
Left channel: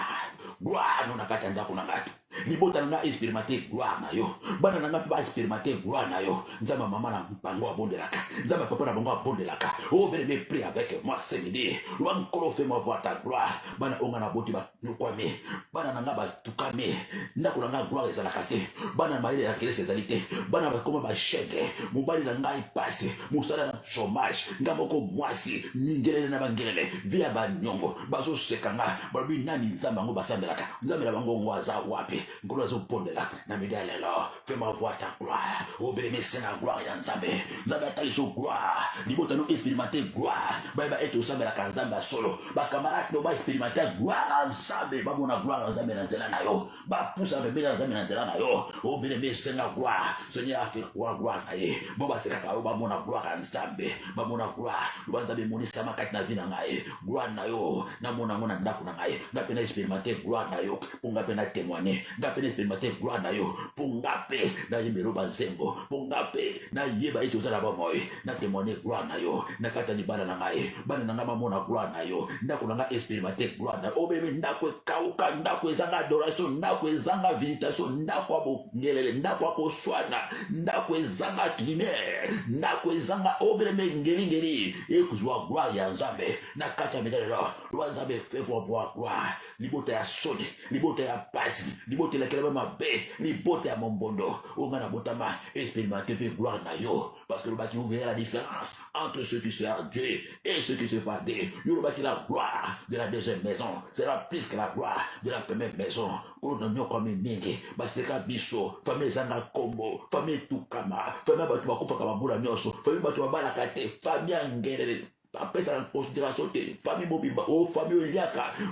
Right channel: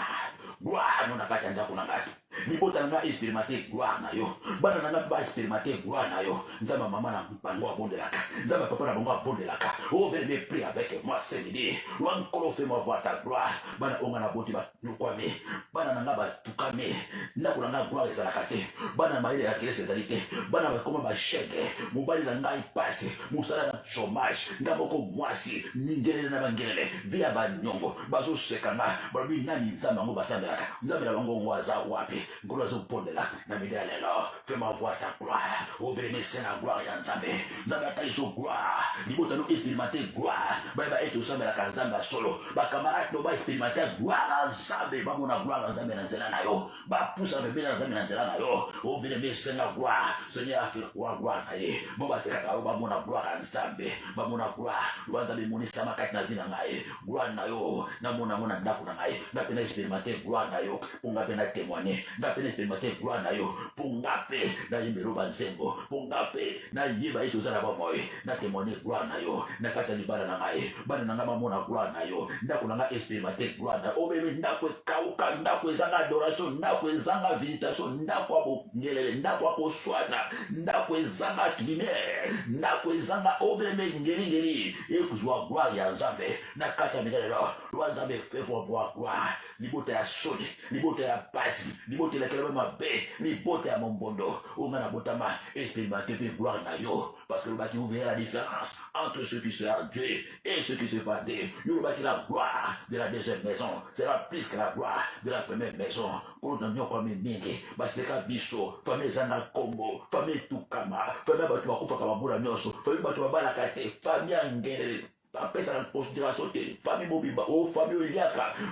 nous na kata ndako na ngati libota na expérimenter gloire na yo bana na ba expérimenter gloire na yo nzamba mama na bango abondelaka nzamba papa na bango abondelaka oh bien prie avec moi c'est l'idée wankolo fais-moi voir ta gloire bana onga na boti ba nukwame bana na ba tukame ndako na gloire ezalaka te bana maile ya kilese ezalite bana ba koma ba chèque mobali na ngai passe musala na chômage ngaboko mwasi ningele na bangelele via ba nyongo bazo sekanga babi nani nzamba ngo basambelaka nzamba bango ngwaza wapi ngolo zo pondela na midele lo fais-moi voir ta gloire oh bénissez la gloire ya nzambe nzambe atali so gloire libota no expérimenter gloire ba eto sambela ka nzamba solo ba camarade no ba expérimenter gloire nzambe ba mona gloire nzambe na nzela na yo ba poussa be na nzambe na nzela na yo oh bénissez la gloire Seigneur a fait gloire kaye bo ba sekaka ba mona gloire nzambe ba mona gloire nzambe moni sama kati na vie na ngai gloire na yo na mona ndako na ngai na pena expérimenter gloire na yo on va pena témoigner ngape na expérimenter gloire na yo ngape na yemelo banzembo ngape na yeba ito zala ba moy na témoigner gloire na yo na kata libala na ngai bana na ngama mona gloire na yo ndako na nga expérimenter gloire na obebe ndako kauka ndako ezanga adoration ndako ezanga visitation ndako abo ngelele ndako ako swana ndako ezanga primaire ndako ezanga obebe ngeli ekuzwa gloire ya Nzambe na kata midalelo lwa Nzambe fait voir gloire libota ya soni libota ya pasi libota la kelema mabe libota ya mombondo ongana botama expérimenter pe gloire na yo parce que le bâti ouvert la différence entre ceux qui servent Dieu et ceux qui se battent. Le bâti la gloire de la deuxième maison sera plus que la gloire de la première maison. On a mis comme une mingi parce que biso famille zana kombo famille tukama famille batu bakufa kama bula nyoso famille batu babala kate famille ngere après ça en considération te famille mobimba o famille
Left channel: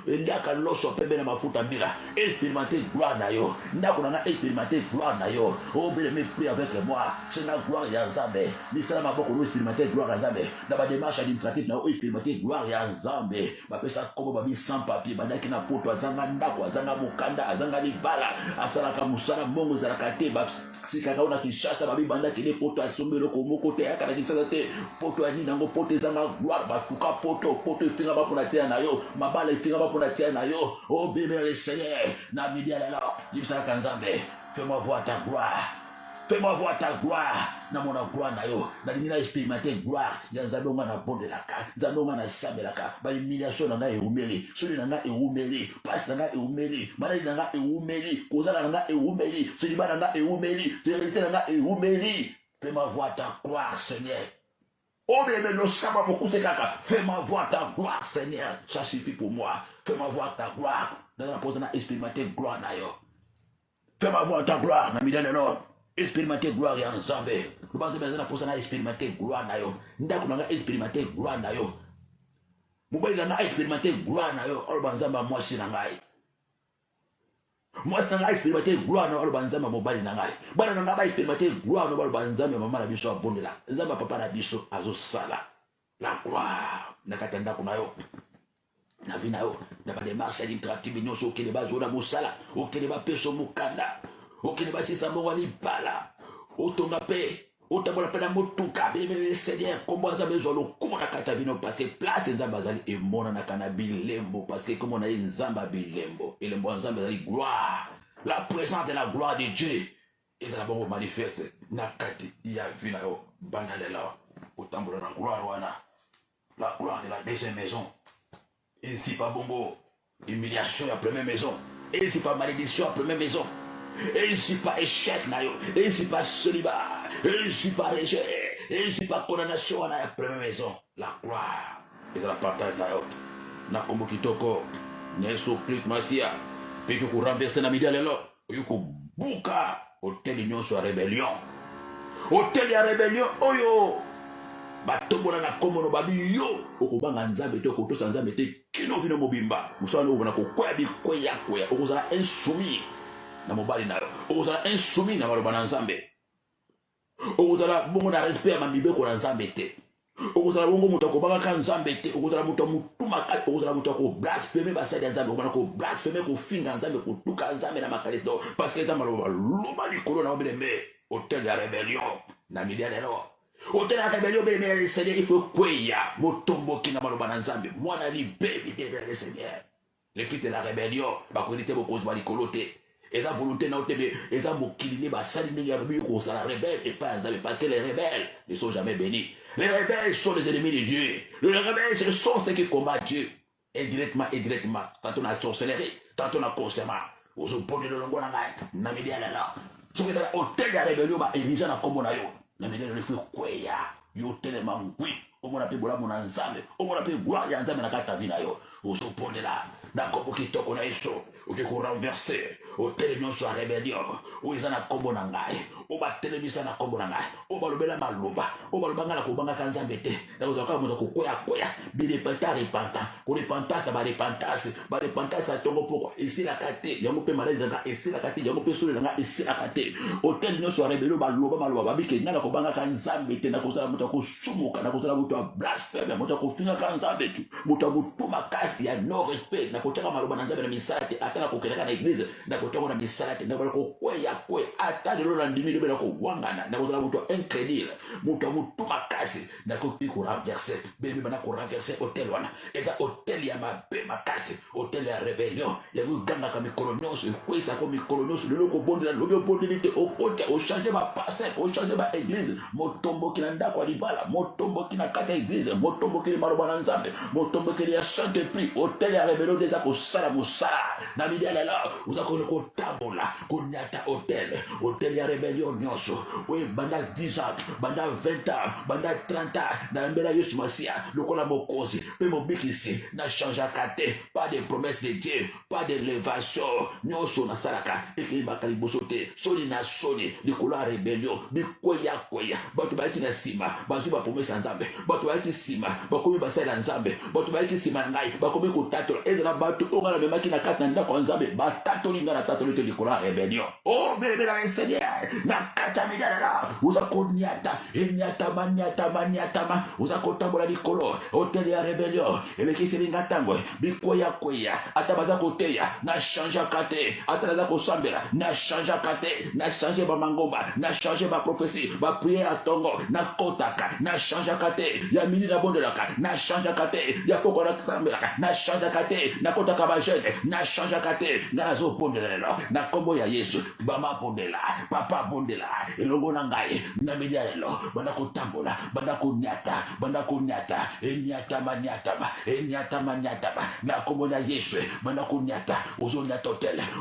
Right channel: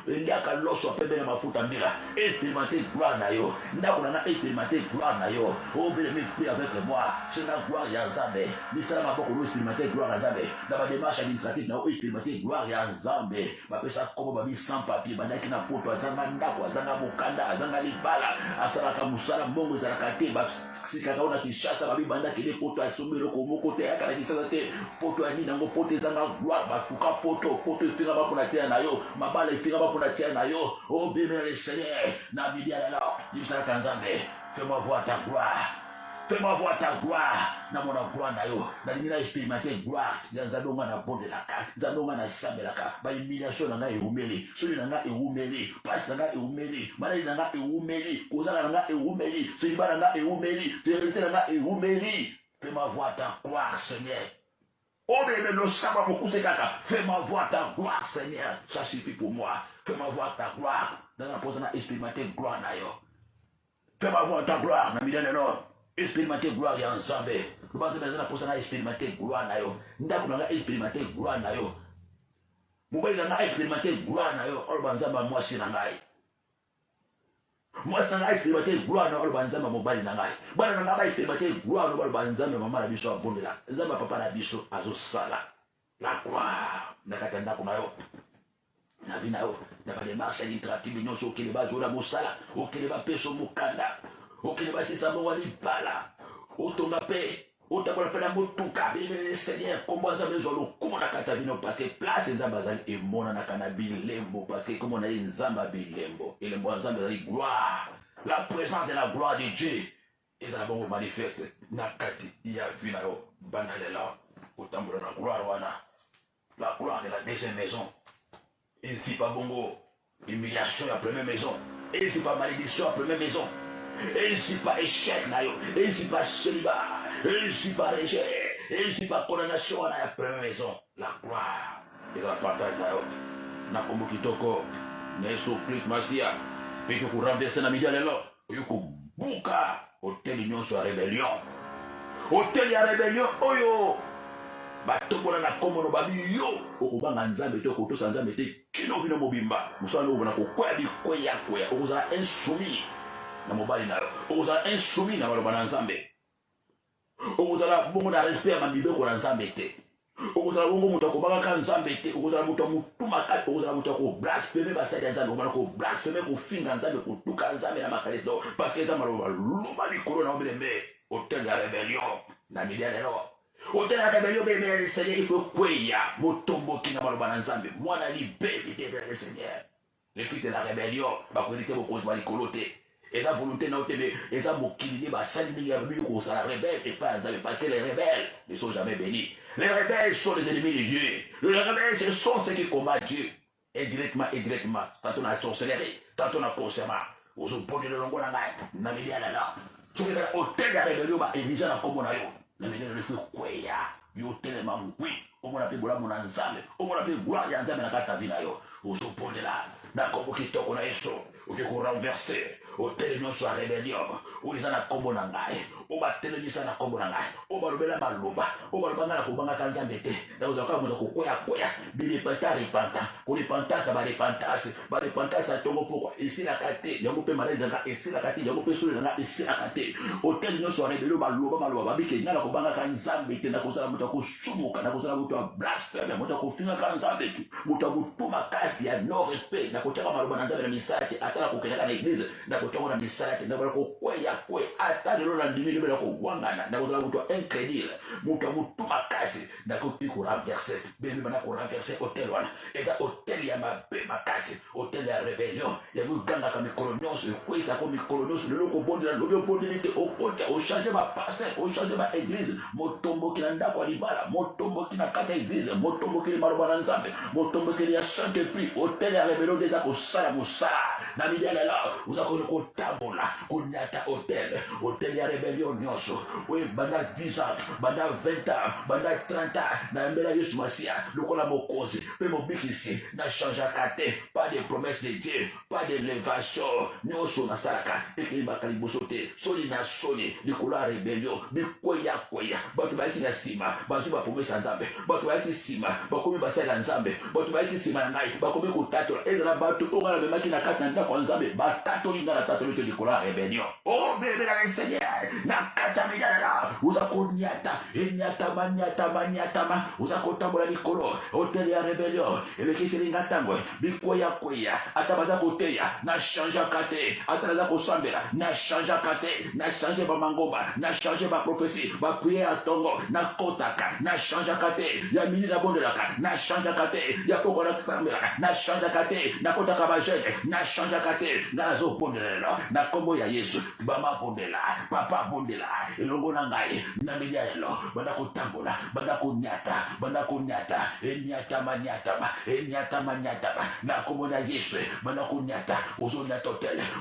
eliaka loso pembe na mafuta mbila expérimenter gloire na yo ndako na expérimenter gloire na yo o bele me prier avec moi c'est la gloire ya Nzambe ni sala maboko no expérimenter gloire ya Nzambe na ba démarche administrative na expérimenter gloire ya Nzambe ba pesa komo ba bi sans papier bandaki na poto azanga ndako azanga mokanda azanga libala asala ka musala mbongo za kate ba sikaka ona kishasa ba bi bandaki le poto asombelo ko moko te akala kisasa te poto ani nango poto ezanga batuka poto ifinga bapona tia na yo mabala ifinga bapona tia na yo oh bébé le Seigneur na bidia la jibisaka Nzambe fais-moi voir ta gloire fais-moi voir ta gloire na mona gloire na yo na nina expérimenter gloire ya Nzambe ngana bondelaka Nzambe ngana sabelaka ba humiliation na ngai eumeli soli na ngai eumeli passe na ngai eumeli maladi na ngai eumeli kozala na ngai eumeli soli bana na ngai eumeli vérité na ngai eumeli fais-moi voir ta gloire Seigneur. Oh, mais le sabbat beaucoup c'est caca. Fais-moi voir ta gloire, Seigneur. Ça suffit pour moi. Fais-moi voir ta gloire. Dans la pose, on a expérimenté gloire d'ailleurs. Fais-moi voir ta gloire. Dans le nom, expérimenter gloire et ensemble. Nous pensons que dans la pose, on a expérimenté gloire d'ailleurs. Nous avons expérimenté gloire d'ailleurs. Nous avons expérimenté gloire d'ailleurs. On va dire, moi, c'est nangai. Moi, c'est nangai expérimenté gloire d'ailleurs. On va dire, mobile nangai. Bana nangai expérimenté gloire d'ailleurs. On va dire, maman la biso abondela. Zama papa la biso azo sala. La gloire. Nakatenda kumayo. Na vina yo. Na ba démarche administrative nyonso okeleba zona mosala. Okeleba peso mukanda. Okeleba sisa mo wali bala. Otonga pe. Otakola pe na motuka. Bébé le Seigneur. Comment ça besoin le comment na kata vino parce que place nzamba zali e mona na kana bilembo parce que comme on a nzamba bilembo et le mot nzamba zali gloire. La présence de la gloire de Dieu. Et ça va manifeste na kati ya vina yo bandalela. Otambola la gloire wana. La gloire de la deuxième maison. Et si pas bongo, humiliation à la première maison. Et si pas malédiction à la première maison. Et si pas échec, et si pas célibat. Et si pas rejet. Et si pas condamnation à la première maison. La gloire. Et la partage d'ailleurs. Na komo kitoko. Neso Christ Masia. Puis que vous renversez la média de l'autre. Et que vous bouka. Hôtel Union sur la rébellion. Hôtel de la rébellion. Oh yo. Batombola na kombo no babi yo okubanga Nzambe to kotosa Nzambe te kino vino mobimba musana obona ko kwa bi koya okozala insoumis na mobali na okozala insoumis na baloba na Nzambe okozala bongo na respect ma mibeko na Nzambe te okozala bongo muto akobanga ka Nzambe te okozala muto mutuma ka okozala muto ko blasphème basali ya Nzambe obona ko blasphème ko finga Nzambe ko tuka Nzambe na makalisi do parce que Nzambe loba likolo na obele hôtel ya rébellion na milia lelo. Hôtel à rébellion, bébé le Seigneur, il faut quoi motombo qui n'a pas le bon ensemble. Moi, on a dit bébé le Seigneur. Les fils de la rébellion, bah, vous étiez beaucoup de coloté. Et la volonté n'a pas été, et ça, vous qui bah, ça, il y a eu la rebelle et pas Nzambe, parce que les rebelles ne sont jamais bénis. Les rebelles sont les ennemis de Dieu. Les rebelles, ce sont ceux qui combattent Dieu. Indirectement, tantôt on a sorcellerie, tantôt on a consciemment. Vous opposez le longo na naït, n'a mis à la là. Ce qui est hôtel de la rébellion, bah, et déjà, la combo na yo. Na menene le fwe kweya yo telema ngwi omona pe bola mona Nzambe omona pe gloire ya Nzambe na kata vina yo osoponela na kombo kitoko na Yesu oke ko renverser hôtel nyonso ya rébellion oza na kombo na ngai obatelemisa na kombo na ngai obalobela maloba obalobanga na kobanga ka Nzambe te na ozaka moto kokoya bilipanta repanta ko repentance ba repentance atongo poko esila kate yango pe malade na esila kate yango pe solo na esila kate hôtel nyonso ya rébellion baloba maloba babike na kobanga ka Nzambe te na kozala moto ko sumuka na kozala moto ya blasphème moto ko finga ka Nzambe te moto ko tuma kasi ya no respect na kotaka maloba na Nzambe na misala te atala kukeleka na église na kotongo na misala te na ko kweya kwe ata lelo na ndimi lelo ko wangana na ko muto incrédule muto muto makasi na ko piku renverser bébé bana ko renverser hôtel wana eza hôtel ya mabe makasi hôtel ya rébellion ya ganga ka mikolo nyonso kwesa ko mikolo nyonso lelo ko bondela lelo bondeli te o konte o changer ba pasteur o changer ba église motombo kina ndako libala motombo kina kata église motombo kina maloba na nzambe motombo kina ya saint prix hôtel ya rébellion déjà ko sala musala na midela la uzako ko tabola ko nyata hôtel ya rébellion nyonso we banda 10 ans banda 20 ans banda 30 ans na mbela Yesu Masia lokola mokozi pe mobikisi na changeaka te pas de promesse de Dieu pas de l'élévation nyonso na salaka ekili bakaliboso te soli na soli likolo ya rébellion bikoya bato bayaki na nsima bazwi bapromese ya nzambe bato bayaki nsima bakomi basala ya nzambe bato bayaki nsima na ngai bakomi kotatola ezala bato oyo ngai namemaki na kati na ndako ya nzambe batatoli ngai na tatoli te likolo ya rébellion o bebe na Seigneur na kati ya midala uza konyata enyatama uza kotambola likolo hôtel ya rébellion elekiseli nga ntango bikoya ata baza koteya na changeaka te ata naza kosambela na changeaka te na change bamangomba na change baprofesi bapriere ya ntongo na kotaka na changeaka te ya mini na bondelaka na changeaka te ya poko na sambelaka na changeaka te na kotaka bajene na changeaka te nga nazobondela lelo na kombo ya Yesu bamabondela papa bondela elongo na ngai na media lelo banda kotambola banda konyata enyatama na kombo na Yesu banda konyata ozonyata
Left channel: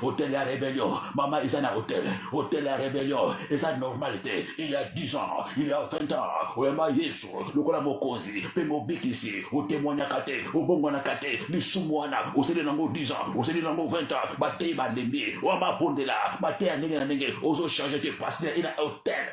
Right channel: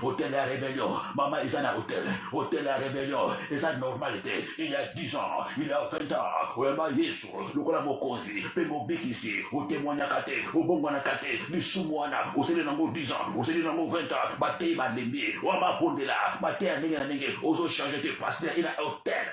hôtel ya rébellion mama eza na hôtel ya rébellion eza normalité il y a 10 ans il y a 20 ans wema Yesu lokola mokonzi pe mobikisi otémoignaka te obongwanaka te lisumu wana oseli nango 10 ans oseli nango 20 ans batei balembi wamabondela mateya ndenge na ndenge ozochange te pasteur ina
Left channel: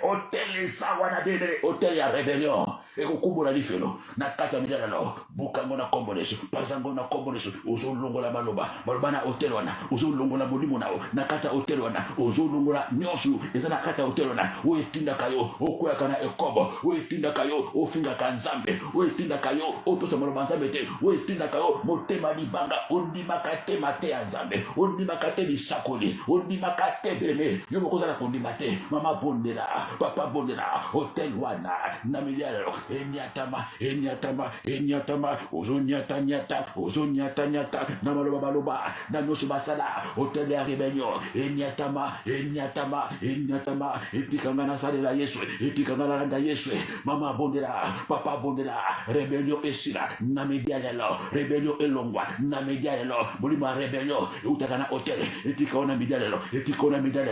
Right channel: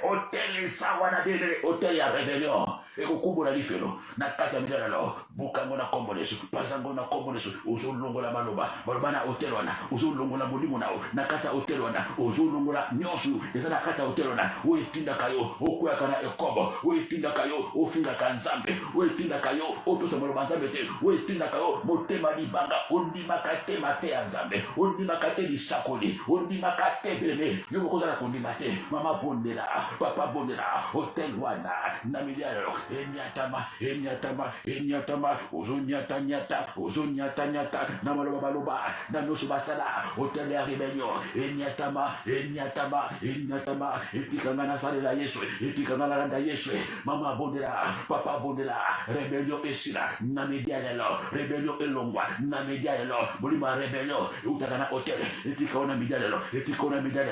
hôtel eza wana bebele hôtel ya rébellion ekokumbola lifelo na kati ya midala lao bukango na kombo na Yesu pazango na kombo na Yesu ozolongola maloba na hôtel wana ozolongola molimo nao na kati ya hôtel wana ozolongola nyonso eza na kati ya hôtel wana oyetindaka yo okweyaka na ekobo oyetindaka yo ofingaka nzambe oyetindaka yo otosa maloba nzambe te oyetindaka yo motema libanga ondimaka te mate ya nzambe ondimaka te lisakoli ondimaka te beleme yo mokozala kondima te mama bondela papa bondela hôtel wana na milialo enyatama ozonyata na maloba na nyonso basala hôtel ya rébellion enyatama etikanga na salela Yesu etikanga na landa Yesu mama bondela papa bondela rébellion esila na media lelo rébellion elongwa na media lelo bolima rébellion utaka na hôtel etikona media lelo etikola media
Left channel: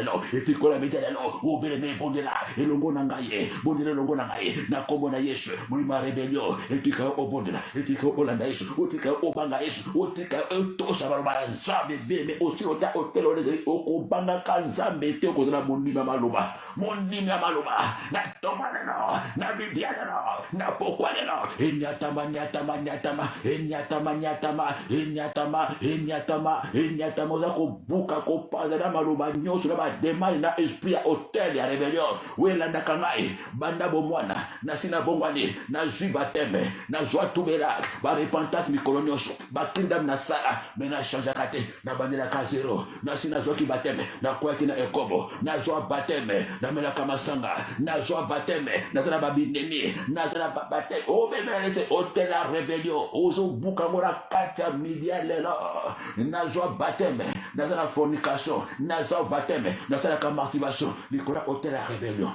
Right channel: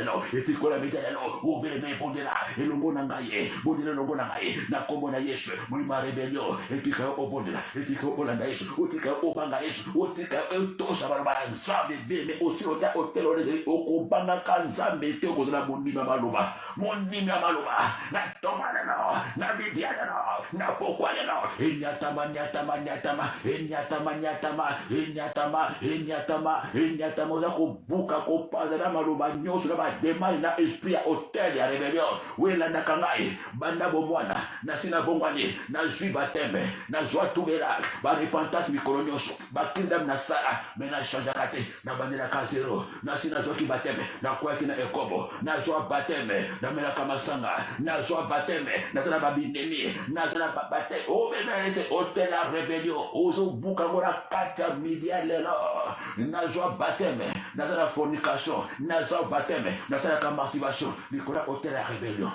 lelo obeleme bondela elongo na ngai bondela elongo na ngai na kombo na Yesu bolima rébellion etika obondela etika olanda Yesu otika obanga Yesu otika tosa barabara nzambe beme otiro hôtel ole okobanga kanzambe te okozala mondima maloba na tomanelo na bidianelo na pokwanelo enyatama oza kobuka kopaza na maloba nyonso na bademani na esprit ya hôtel ya rébellion welandaka ngai banda bomwana nasina bongwani nazwi bateme nazwa tubela barepentance mikolo nyonso bakindam na sala me na changeaka te na bandelaka zero nasi nazwaki bateme nakwaki na ekobo nazwa bateme namelaka masanga nazwa bateme nazala babindemi nazala babate obemelese hôtel ya rébellion ozobuka ngo na kati ya midia lelo nazwa bateme nazala fornication nazwa bateme nazalaka masturbation likolo hôtel ya rébellion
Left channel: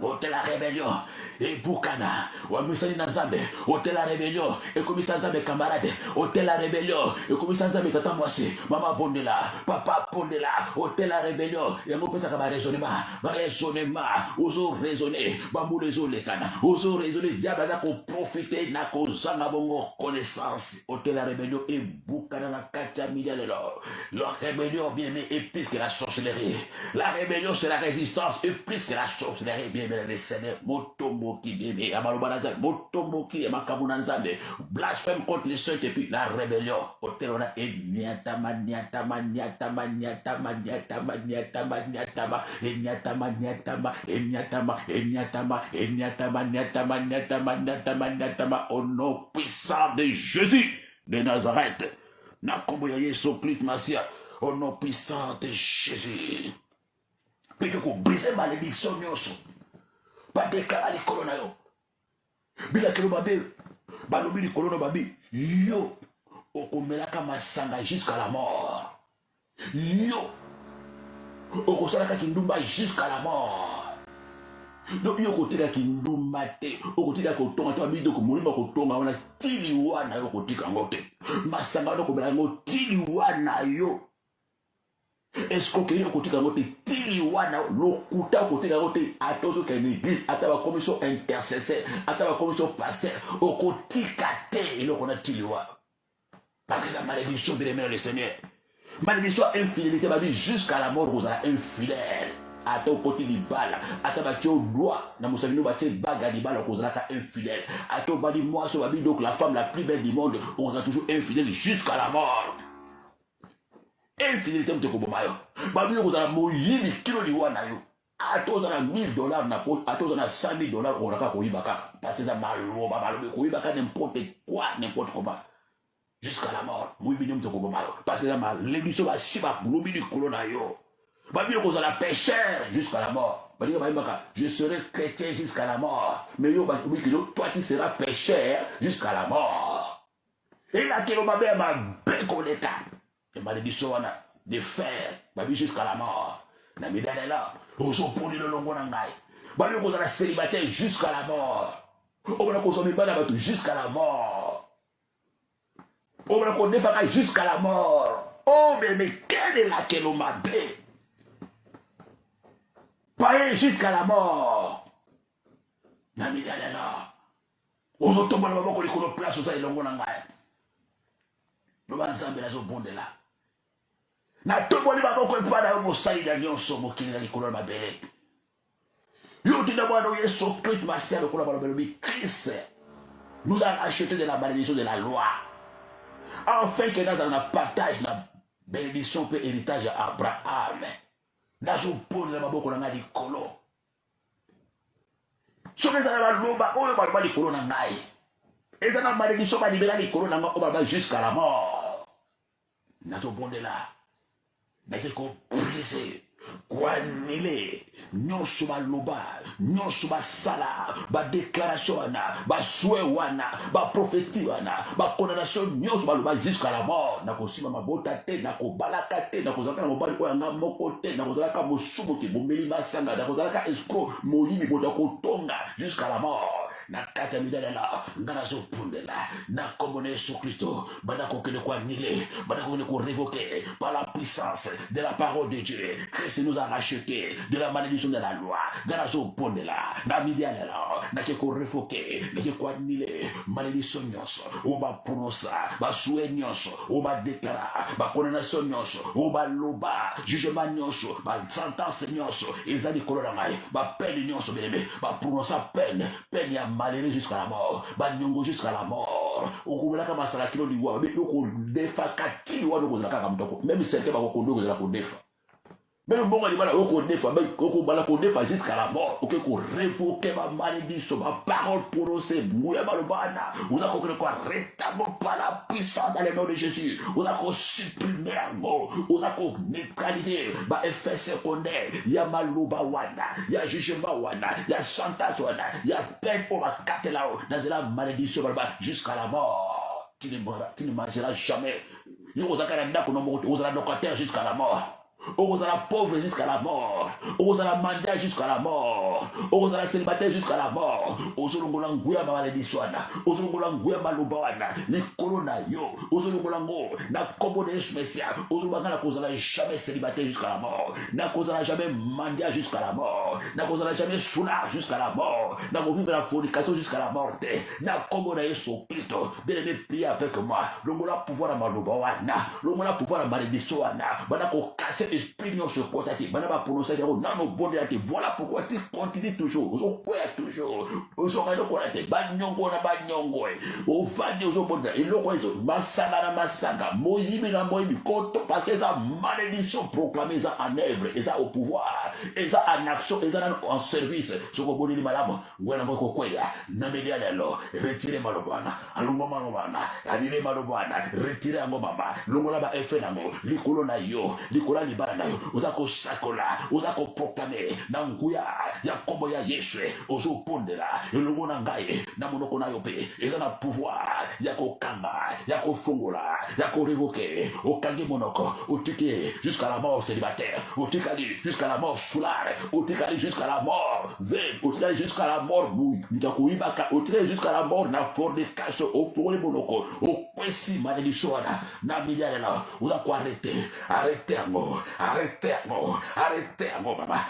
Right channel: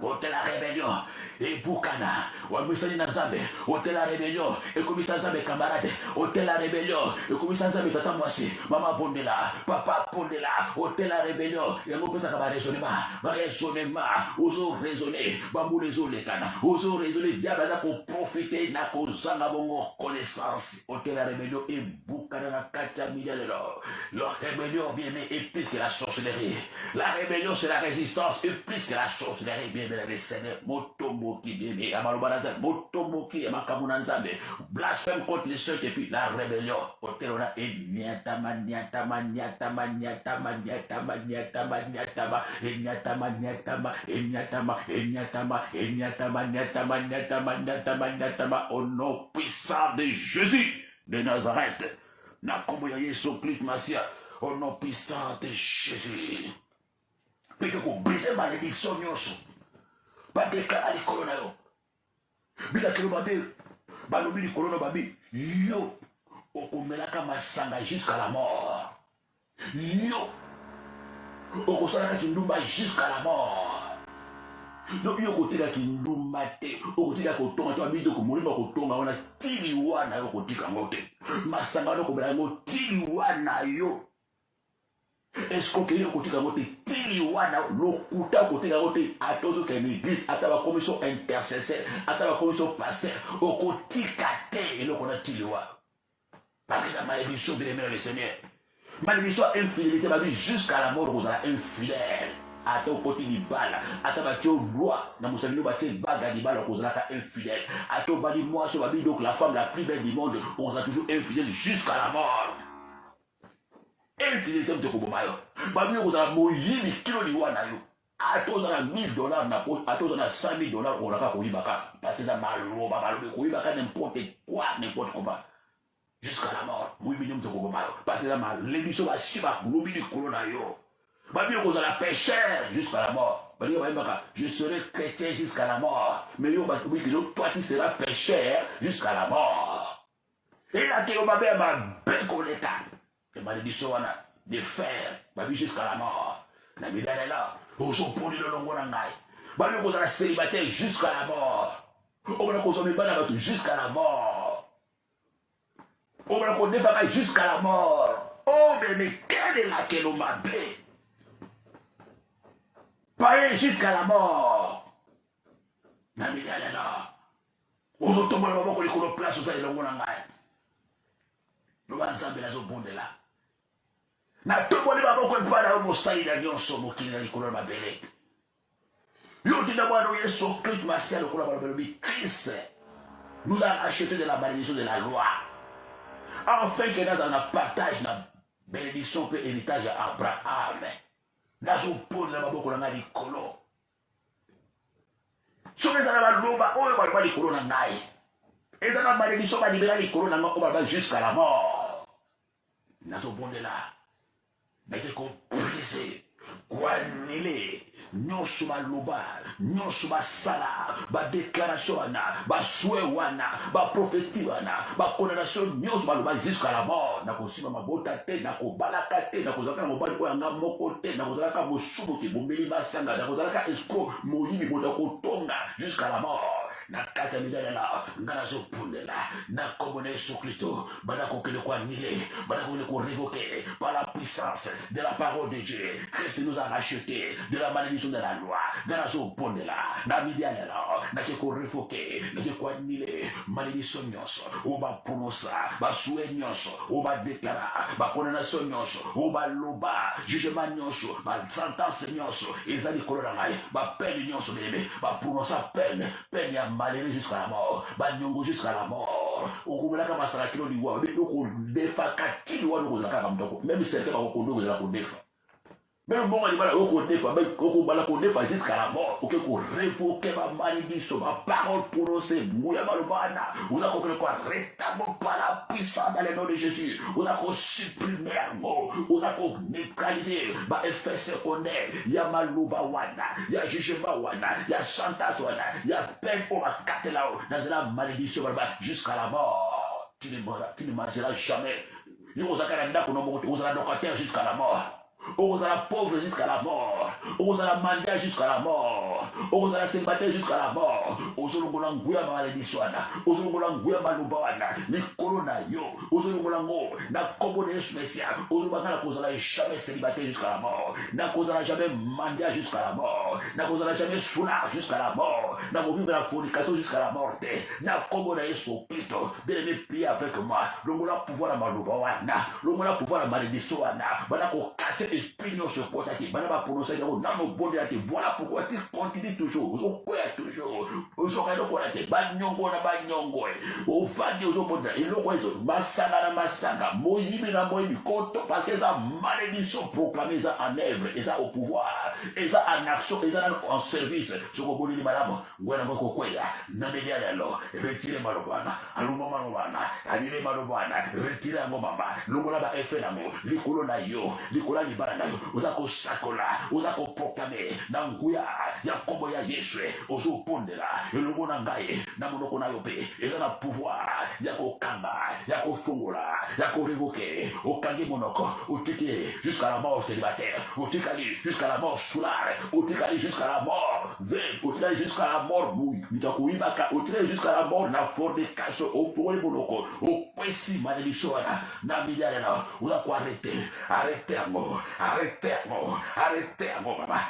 hôtel ya rébellion ebukana wamisani na nzambe hôtel ya rébellion ekomisa nzambe camarade hôtel ya rébellion ekomisa nzambe tata mwasi mama bondela papa bondela hôtel ya rébellion yango pesaka baraisonnement ozoraisonne bambula ezolekana ozoraisonne diable aza koprofite na kozanga bongo connaissance hôtel ya rébellion ebukana na kati ya midia lelo la rébellion bien aimé est plus que la sorcellerie la rébellion c'est la résistance et plus que la sorcellerie bien aimé les seigneurs motomoki bébé amaloba na nzambe motomoki ya makambo na nzambe blasphème contre les saints et puis la rébellion hôtel wana enyatama au nom puissant de Jésus de Nazareth na kombo ya Yesu Christ Masia Au nom puissant de Jésus. Mais que vous brisez malédiction, nyonso. Pas de cas à l'école, yo. Bila kelo babe. Balobi l'école, babi. Yo. Okomelaka masanga jusqu'à la mort. Yo. Okosalaka kindumba jusqu'à la mort. Donc yo kotika kindumba te. Okotika kotonga te babi doko molimba kotonga wana tili wana yo kotika ngote. Masanga no kobela ngo tili wana yo. Est-ce que yo kotika ngote tili wana lokuta kotika ngote atozo ke l'église ata ba commission intercesseur ata ba commission pasteur okotika te eloko na tili wana. Parce que la malédiction de l'aimer le Seigneur. Malédiction infidélité, ma vie jusqu'à la mort, vous allez infidèle. À ton côté du bal, à ta bâtie au doigt, dans mon salut, bâtie baga du bal, vous allez infidèle. À ton bâti, moi, sur ma vie, donc la femme la plus belle du monde, on sera toujours infidèle jusqu'à la mort. Infidélité, vous êtes comme maillot. Babi, vous allez mourir, mais kilo de wana yo. À tous, on a $1000 na poche, à tous, on a $100,000, on n'a pas koui baka. Parce que ça m'a l'eau, koui baka n'importe quoi, n'importe comment. Jusqu'à la mort. Oui, bien, parce que la l'émission va suivre l'oubli du colonna yo. Bien qu'on a péché jusqu'à la mort. Je serai chrétien jusqu'à la mort. Mais yo, toi, tu seras pécheur jusqu'à la mort. Et là, tu vas ma bécoleta. Et malédiction, on a de fer, ma vie jusqu'à la mort. La vie est là. On s'en prend de l'ongonangai. Bien qu'on a célibataire jusqu'à la mort. On a consommé jusqu'à la mort. On va connaître jusqu'à la mort. Oh, mais quelle est laquelle on m'a bé? Pas jusqu'à la mort. Nami là. Aux automobile, on va connaître place où ça est le monde. Nous allons ensemble là, bon de là. Na tout le monde va connaître pas dans mon saïd d'avion sur mon qui est le colonne ma belle. Yo, tu d'abord, nous y sommes Christ, ma sœur, le colonne ma belle. Christ nous a acheté de la malédiction de la loi. Enfin que dans un partage la bénédiction pour héritage à Abraham. Dans un pôle de la maboko na ngali kolo. Si on est dans la loba, on va pas les kolo na ngai. Et dans la malédiction, on va libérer les kolo na ngai, on va jusqu'à la mort. Dans un pôle de là, mais c'est qu'on brise, qu'on annule. Nyonso ba loba, nyonso ba sala, ba déclaration wana, ba souhait wana, ba prophétie wana, ba condamnation nyonso ba loba jusqu'à la mort. Na kosima mabota te, na kobalaka te, na kozaka mobali ko yanga moko te, na kozaka mosubo ke bombeli basanga, na kozaka escroc moyibi bota kotonga jusqu'à la mort. Na kata midala la, ngana so pundela, na komone Yesu Christo, bana kokele kwa nile, bana kokele ko révoquer par la puissance de la parole de Dieu. Christ nous a racheté de la malédiction de la loi. Ngana so pundela, na midala la, na ko révoquer, na ko nile, malédiction nyonso, o ba prononcer, ba souhait nyonso, o ba déclarer, ba condamnation nyonso, o ba loba, jugement nyonso, ba sentence nyonso, ezali kolona ngai, ba peine nyonso belebe, ba prononcer peine ya malheureux jusqu'à la mort, Banyongo jusqu'à la mort. Okumulaka masala kilo liwa, mais oko defa kati liwa no kozaka kamtoko. Même si c'est pas kondo kozala ko defa. Même bon animal oko defa, même oko bala ko defa jusqu'à la mort. OK ko révoquer ma malédiction, ma parole prononcée, mouya malobana. On a compris quoi rétablir par la puissance dans le nom de Jésus. On a ko supprimer mot, on a ko neutraliser ba effet secondaire. Ya maluba wana, ya jugement wana, ya sentence wana, ya peine au bakate là dans la malédiction jusqu'à la mort. Qui ne mangera jamais. Yo ozaka nda ko no mo ozala locataire jusqu'à la mort. Ozala pauvre jusqu'à la mort. Ozala mendiant jusqu'à la mort. Ozala célibataire jusqu'à la mort. Ozolongola nguya ma malédiction wana. Ozolongola nguya maluba wana. Ni corona yo. Ozolongola ngo na kombo de Yesu Messia. Ozolongola na kozala jamais célibataire jusqu'à la mort. Na kozala jamais mendiant jusqu'à la mort. Na kozala jamais soulard jusqu'à la mort. Na ko vivre la fornication jusqu'à la mort. Na kombo de Yesu Christo. Bien-aimé, priez avec moi. Longola pouvoir à maluba wana. Longola pouvoir à malédiction wana. Bana ko casser esprit nous se porte à qui, banaba pour nous c'est dans nos bonnes réalités. Voilà pourquoi tu continues toujours, vous quoi toujours, vous aurez le courage, banyongo na banyongo, au fadi aux bonnes, et le quoi massaga na massaga, moïbi na moïbi, parce que ça malédiction proclamée ça en œuvre, et ça au pouvoir, et ça en action, et ça en service, ce qu'on dit madame, voilà moi kokoya, namedi alors, retirez malobana, aluma malobana, alile malobana, retirez ngomama, longola ba efe nango, likolo na yo, likola libana na yo, uzako sakola, uzako proclamer, na nguya, ya kombo ya Yesu, ozo pondela, elongo na ngai, na monoko na yo pe, eza na pouvoir, ya kokanga, ya kofungola, ya ko révoquer, okangi monoko, otiki jusqu'à la mort célibataire, otikali jusqu'à la mort soulard, otikali jusqu'à la mort veille, otikali jusqu'à la mort bouille, mitakuibaka, otikali jusqu'à la mort na fornication, ofori monoko, okwesi malédiction na miliare na, unako arrêtez maman,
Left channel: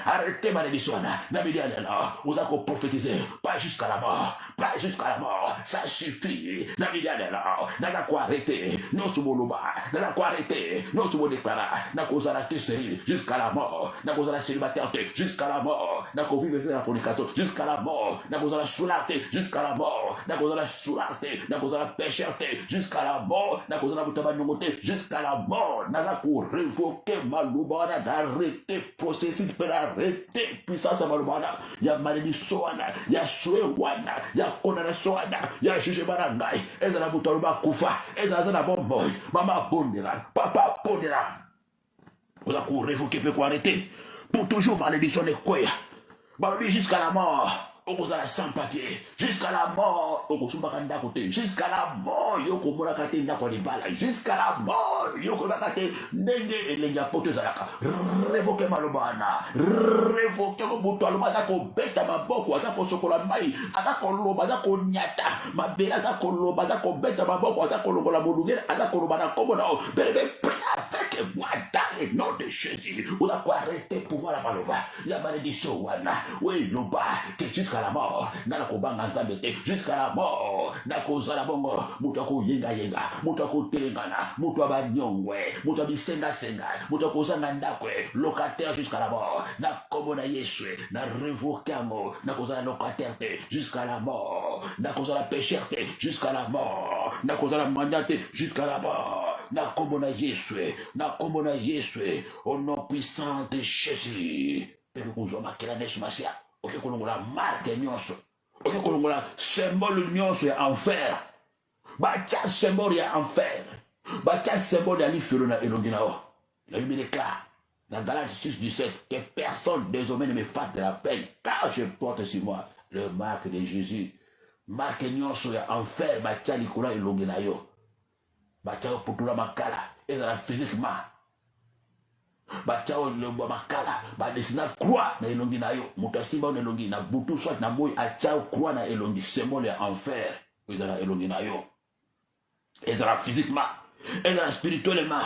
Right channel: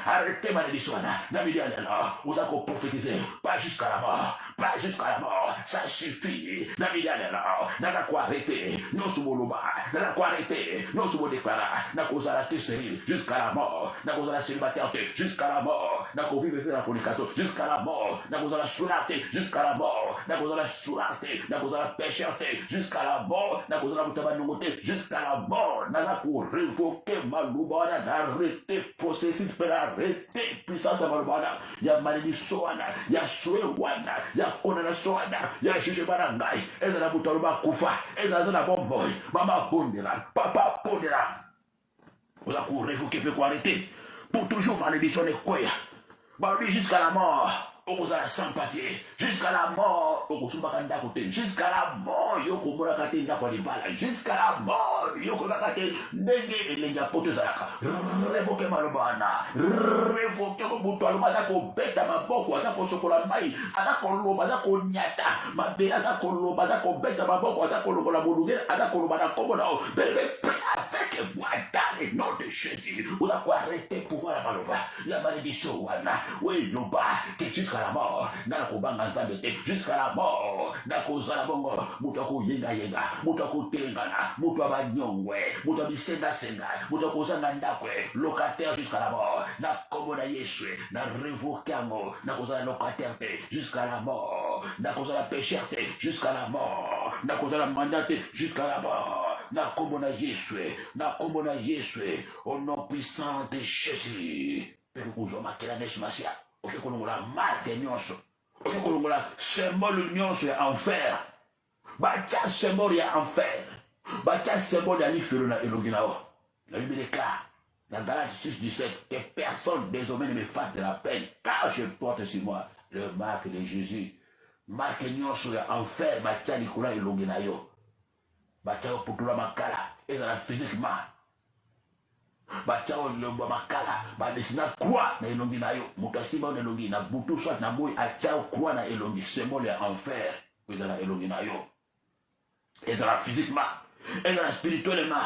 arrêtez malédiction na miliare na, unako prophétiser, pas jusqu'à la mort, ça suffit, na miliare na nako arrêter, non sous mon nako arrêter, non sous mon déclara, nako zalate stérile jusqu'à la mort, nako zalate célibataire jusqu'à la mort, nako vivre dans la fornication jusqu'à la mort, nako zalate soularte jusqu'à la mort, nako zalate soularte, nako zalate pécherte jusqu'à la mort, nako zalate mutabanyomote jusqu'à la mort, nako révoquer malubana, d'arrêter processus pour arrêter puissance malubana, ya malédiction, ya soué wana, ya condamnation, ya jugement ngai, ezala mutaluba kufa, ezala bomboy, maman bondera, papa bondera. On a pour révoquer, pour arrêter. Pour toujours malédictionner quoi. Jusqu'à la mort. On a sans papier. Jusqu'à la mort. On a côté. Jusqu'à la mort. Yoko Morakate Nakolibala. Jusqu'à la mort. Yoko Morakate Nenge et Lenga Potozalaka. Révoquez Malobana. Révoquez Moutoualou. Adako Beta Maboko. Adako Sokola Mai. Adako Loba. Adako Nyata. Mabe Adako Loba. Adako Beta Maboko. Adako Loba Moudouguer. Adako Loba Komono. Bébé. Avec moi dans le nom de Jésus, on a quoi arrêter pouvoir la maloba, la malédiction, oui, Loba, que jusqu'à la mort, n'a la kobanga zambete, jusqu'à la mort, n'a cause la bongo, moutako yenga, moutako telengana, moutaba nyongwe, moutabi senga, moutako zangandakwe, locataire jusqu'à la mort, n'a comme na Yesu, n'a révoquamo, n'a cause la locataire jusqu'à la mort, n'a cause la pécherte jusqu'à la mort, n'a cause la mandate jusqu'à la mort. Na komona Yesu, au nom puissant de Jésus. Peko kuzoma kila nesu masia. Oke kolongola marque nyonso. Oke kolongola symbole nyonso ya enfer. Bacha symbole ya enfer. Bacha symbole ya lifelo na elonginao. La Bible déclare dans Galates 6:17 que personne désormais ne me fasse de la peine car je porte sur moi le marque de Jésus. Marque nyonso ya enfer bacha likola elonginao. Bachao putula makala ezala physiquement bachao lomba makala ba desina croix na elongi na yo mutasimba na elongi na butu soit na boy achao croix na elongi symbole ya enfer ezala elongi na yo ezala physiquement ezala spirituellement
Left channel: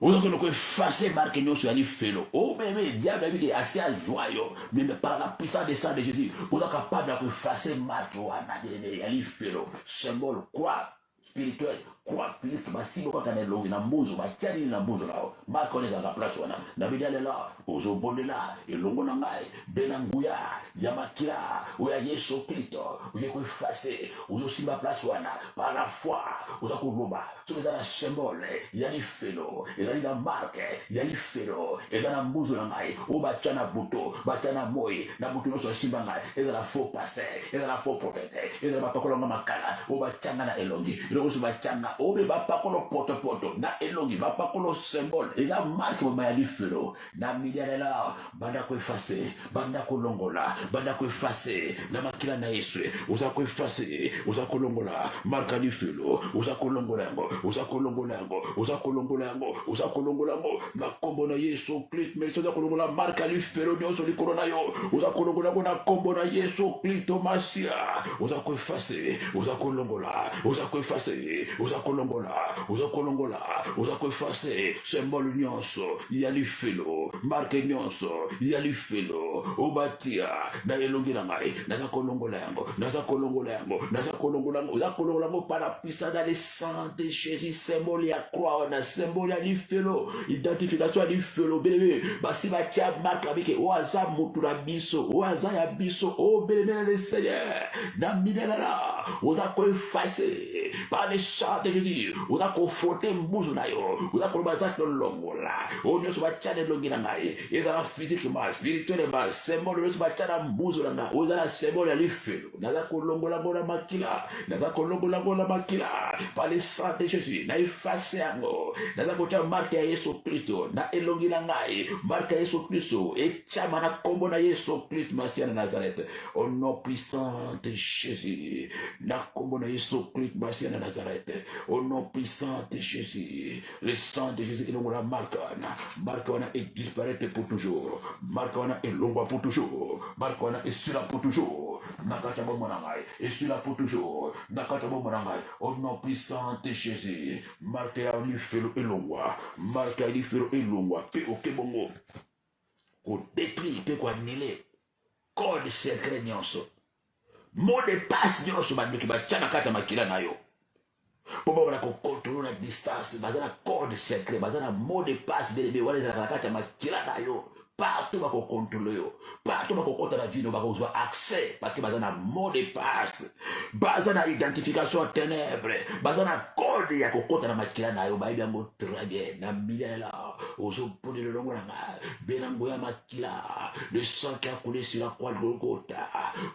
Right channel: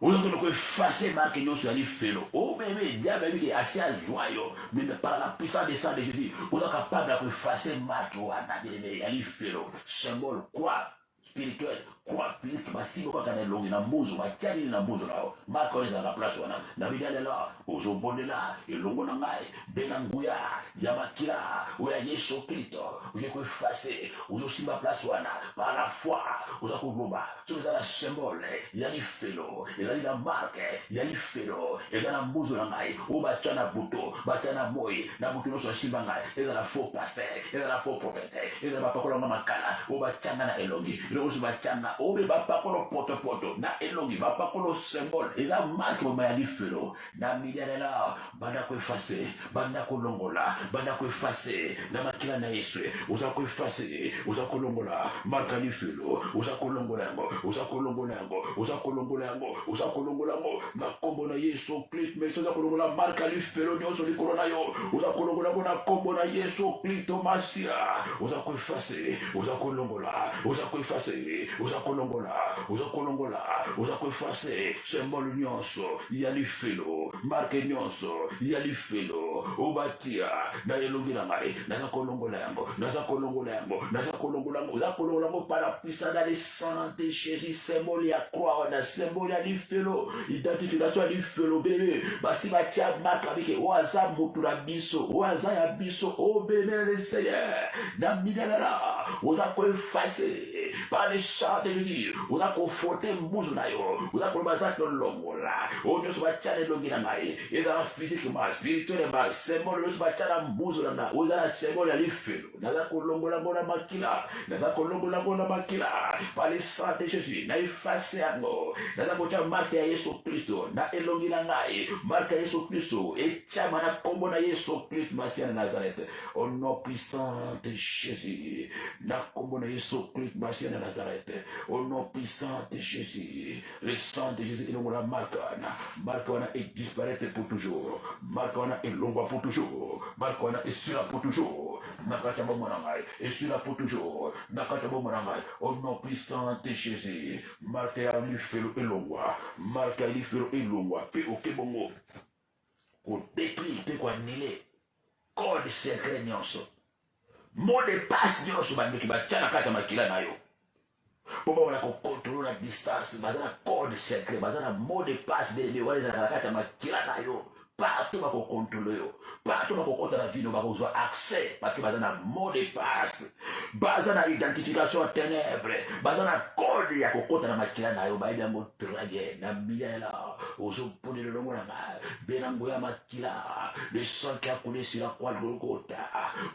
vous avez effacer marque nyonso ya lifelo oh bébé diable abi assez joyeux mais par la puissance de sang de Jésus vous êtes capable de effacer marque wana ya lifelo symbole croix spirituel, croix physique, massive, quand on est long, il a mouzo, ma tienne, il a mouzo là, ma connaît à la place, on a, la vie d'aller là, aux obonés là, et l'ongo nangai, benangouya, yamakira, ou ya yeso clito, ou ya effacé, ou aussi ma place, on a, par la foi, ou la kouloba, tout ça, la symbole, ya li felo, et là, il a marque, ya li felo, et là, la mouzo nangai, ou bachana buto, bachana moi, na buto no so shibangai, et là, la faux pasteur, et là, la faux prophète, et là, la pakolonga makala, ou bachana na elongi, rosi bachanga ore bapakolo poto na elongi bapakolo symbole eza marque mama ya lifelo na miliare la banda ko effacer banda ko longola banda ko effacer na makila na Yesu uza ko effacer uza ko longola marque ya lifelo uza ko longola ngo uza ko longola ngo uza ko longola ngo uza ko longola ngo na kombo na Yesu Christ mais uza ko longola marque ya lifelo de so likolo na yo uza ko longola ngo na kombo na Yesu Christ Masia uza ko effacer uza ko longola uza ko effacer uza kolongola uza koeffacer symbole nyonso ya lifelo marque nyonso ya lifelo yango obatia na elongi na ngai naza kolongola yango naza kolongola yango naza kolongola yango oza kolongola yango par la puissance dans le sang de Jésus symbole ya croix na symbole ya lifelo identification ya lifelo bébé basi batia marque avec oaza mutu na biso oaza ya biso o bébé le Seigneur na minela oza ko effacer par le sang de Jésus oza conforter mbuzu na yo oza koloba za kolongola o nyoso batia elongi na ngai ezala physiquement spirituellement symbole nyoso batia na mbuzu na ngai oza na symbole ya lifelo naza kolongola ngona makila naza kolongola ngona makila par le sang de Jésus na effacer yango naza kotia marque ya Yesu Kristo na elongi na ngai marque ya Yesu Kristo etiama na kombo na Yesu Kristo Masia na Nazareth au nom puissant de Jésus na kombo na Yesu Kristo Masia na Nazareth au nom puissant de Jésus le sang de Jésus elongola marque wana est disparaître pour toujours marque wana elongwa pour toujours marque wana esula pour toujours nakata bombo na ngai esula pour toujours nakata bombo na ngai au nom puissant de Jésus marque ya lifelo elongwa marque ya lifelo elongwa pe okebongo ko détruire pe ko annuler code secret nyonso mot de passe nyonso bandiki bachana kata makila nayo pour pouvoir contrôler la distance dans un code secret dans un mot de passe de wana za kata makila nayo partout va contrôler partout va contrôler la vie va avoir accès parce que dans un mot de passe dans une identification ténèbres dans un code ya kokota na makila nayo ba bien mo très na milela ozo pone le longo na benango ya makila le sang qui a coulé sur la croix de Golgotha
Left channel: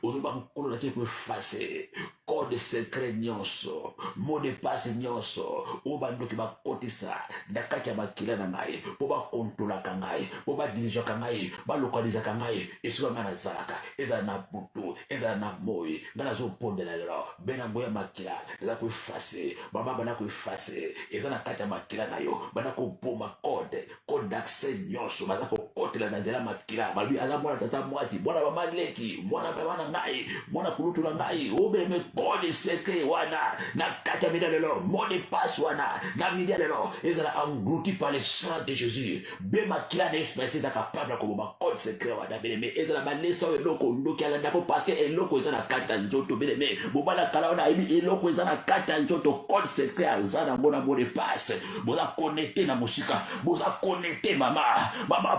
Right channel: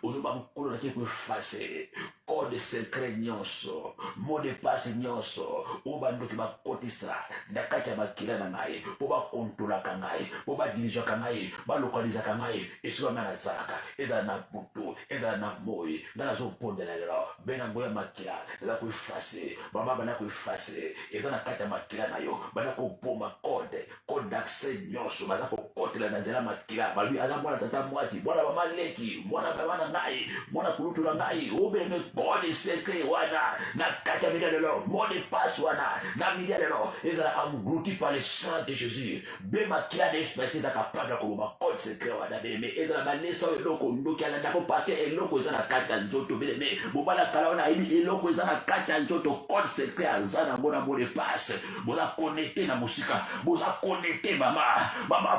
ozo ba nkolo la te ko effacer code secret nyonso mot de passe nyonso obando ki ba kotisa ndakati ya makila na ngai po ba contrôler ka ngai po ba diriger ka ngai ba localiser ka ngai esiwa mana zaka eza na butu eza na moi ndana zo pondela lelo benango ya makila eza ko effacer baba bana ko effacer eza na kati ya makila na yo bana ko boma code d'accès nyonso baza ko kotela na nzela makila babi aza mwana tata mwasi mwana ba maleki mwana bana ngai mwana kulutu na ngai obeme code secret wana na kati ya mida lelo mot de passe wana na mida lelo ezala englouti par le sang de Jésus be makila na espèce eza capable ko boma code secret wana beme ezala malesa eloko ndoki ala ndako parce que eloko eza na kati ya nzoto beme bobana kala wana ili eloko eza na kati ya nzoto code secret aza na ngona mot de passe boza connecté na musika boza connecté mama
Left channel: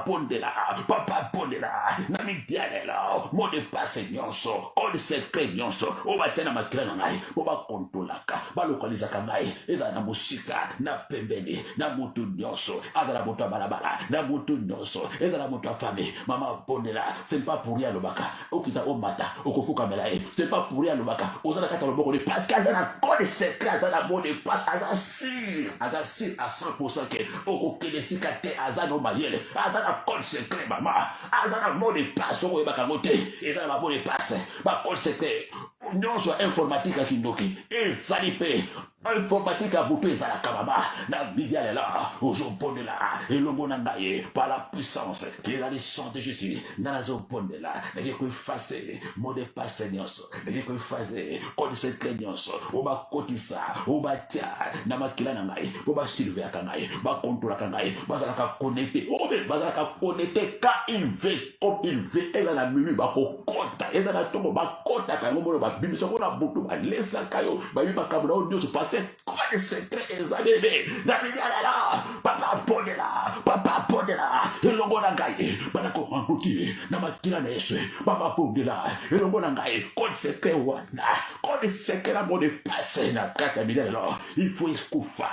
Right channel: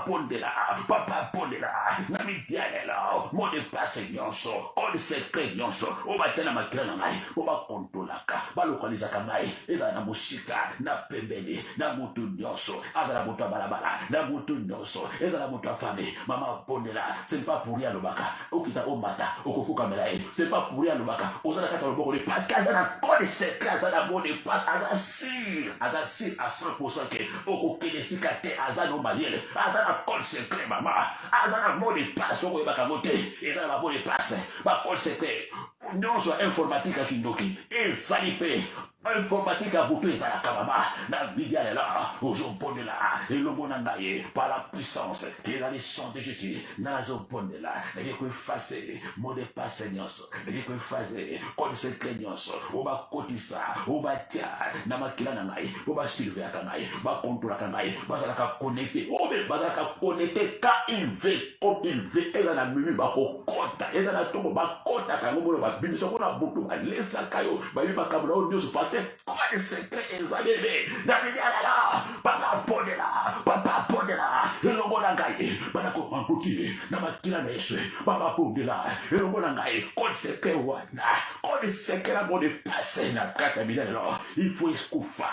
pondela papa pondela na midialela mot de passe nyonso code secret nyonso obatena makila na ngai oba kontolaka balokalizaka ngai eza na musika na pembeni na mutu nyonso aza na moto balabala na mutu nyonso eza na moto afami mama pondela c'est pas pour rien lobaka okita omata okofuka melaye c'est pas pour rien lobaka ozana kata loboko parce que aza na code secret aza na mot de passe aza si à 100% que okokelesika te aza no mayele aza na code secret mama aza na mot de passe okoyebaka ngo te eza na mot de passe ba code secret nyonso informatique kindoki ezali pe informatique à butu ezalaka mama na bidia lela ozopondela elongo na ngai par la puissance qui est dans le sang de Jésus nazopondela nake ko effacer mot de passe nyonso nake ko effacer code secret nyonso oba kotisa oba tia na makila na ngai oba silver ka ngai ba contrôle ka ngai bazalaka connecté obe bazalaka connecté ka il veut ezala mimi ba ko kota ezala tongo ba kota ka ngomolo ba bimiso ko na butu ba lesa kayo ba biba kabula o nyonso parce que secret ezalebe na biala papa pondela elongo na ngai bana ko mankuti na makila na Yesu papa pondela elongo na ngai code secret wana code secret na mot de passe na kaka biala il faut kufa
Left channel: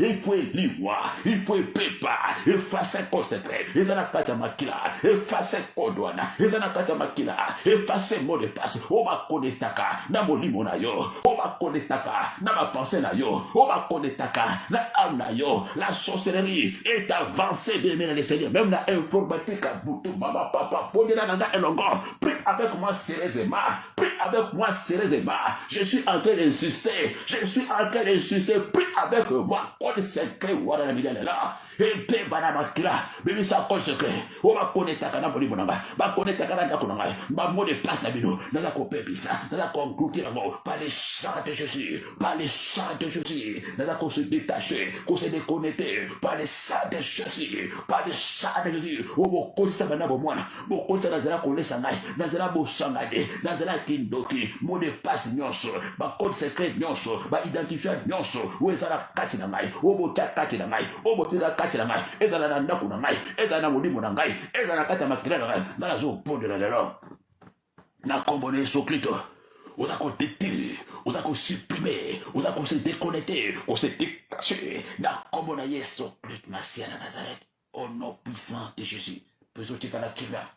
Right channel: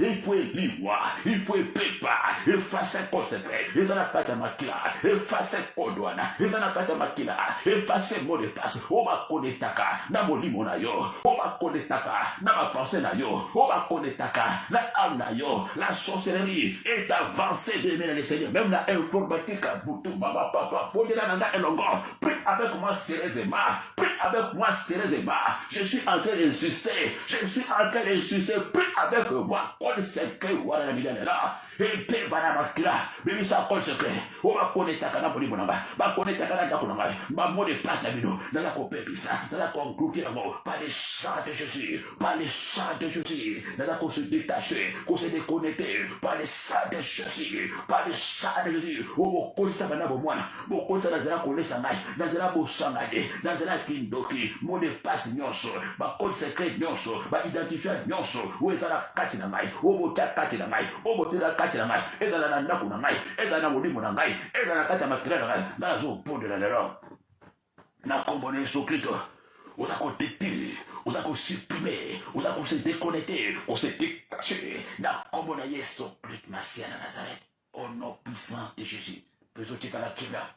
il faut liwa il faut pepa effacer code secret ezana kaka makila effacer code wana ezana kaka makila effacer mot de passe o ba konetaka na molimo na yo o ba konetaka na ma pensée na yo o ba konetaka na âme na yo la sorcellerie est avancée de le Seigneur même la informatique butu mama papa pondela na elongo prie avec moi sérieusement je suis en train d'insister prie avec moi code secret wala na bidana là Epe bana makila. Bébé ça code secret. On va connecter à boni bonamba. Va connecter à canada konanga. Va mot de passe na bino. Naza ko pepisa. Naza ko conclure par les sang de Jésus. Par les sang de Jésus. Naza ko se détacher, ko se déconnecter par les sang de Jésus. Par les sang de Jésus. O bo konisa bana bo mwana. Bo konisa nazela ko lesa ngai. Nazela bo sangade. Nazela kindoki. Mot de passe nyonso. Ba code secret nyonso. Ba identifier nyonso. O ezala kati na ngai. O bo ta kati na ngai. O bo teza kati na ngai. Ezala na ndako na ngai. Ezala na molimo na ngai. Ezala kati ya makila na ngai. Nazo pondre na lelo. Na kombone Yesu Kristo. On a qu'on détruire, on a qu'on supprimer, on a qu'on se déconnecter, on se détacher. Na kombone Yesu Kristo Masia na Nazareth. Au nom puissant de Jésus. Peut-être que la kila.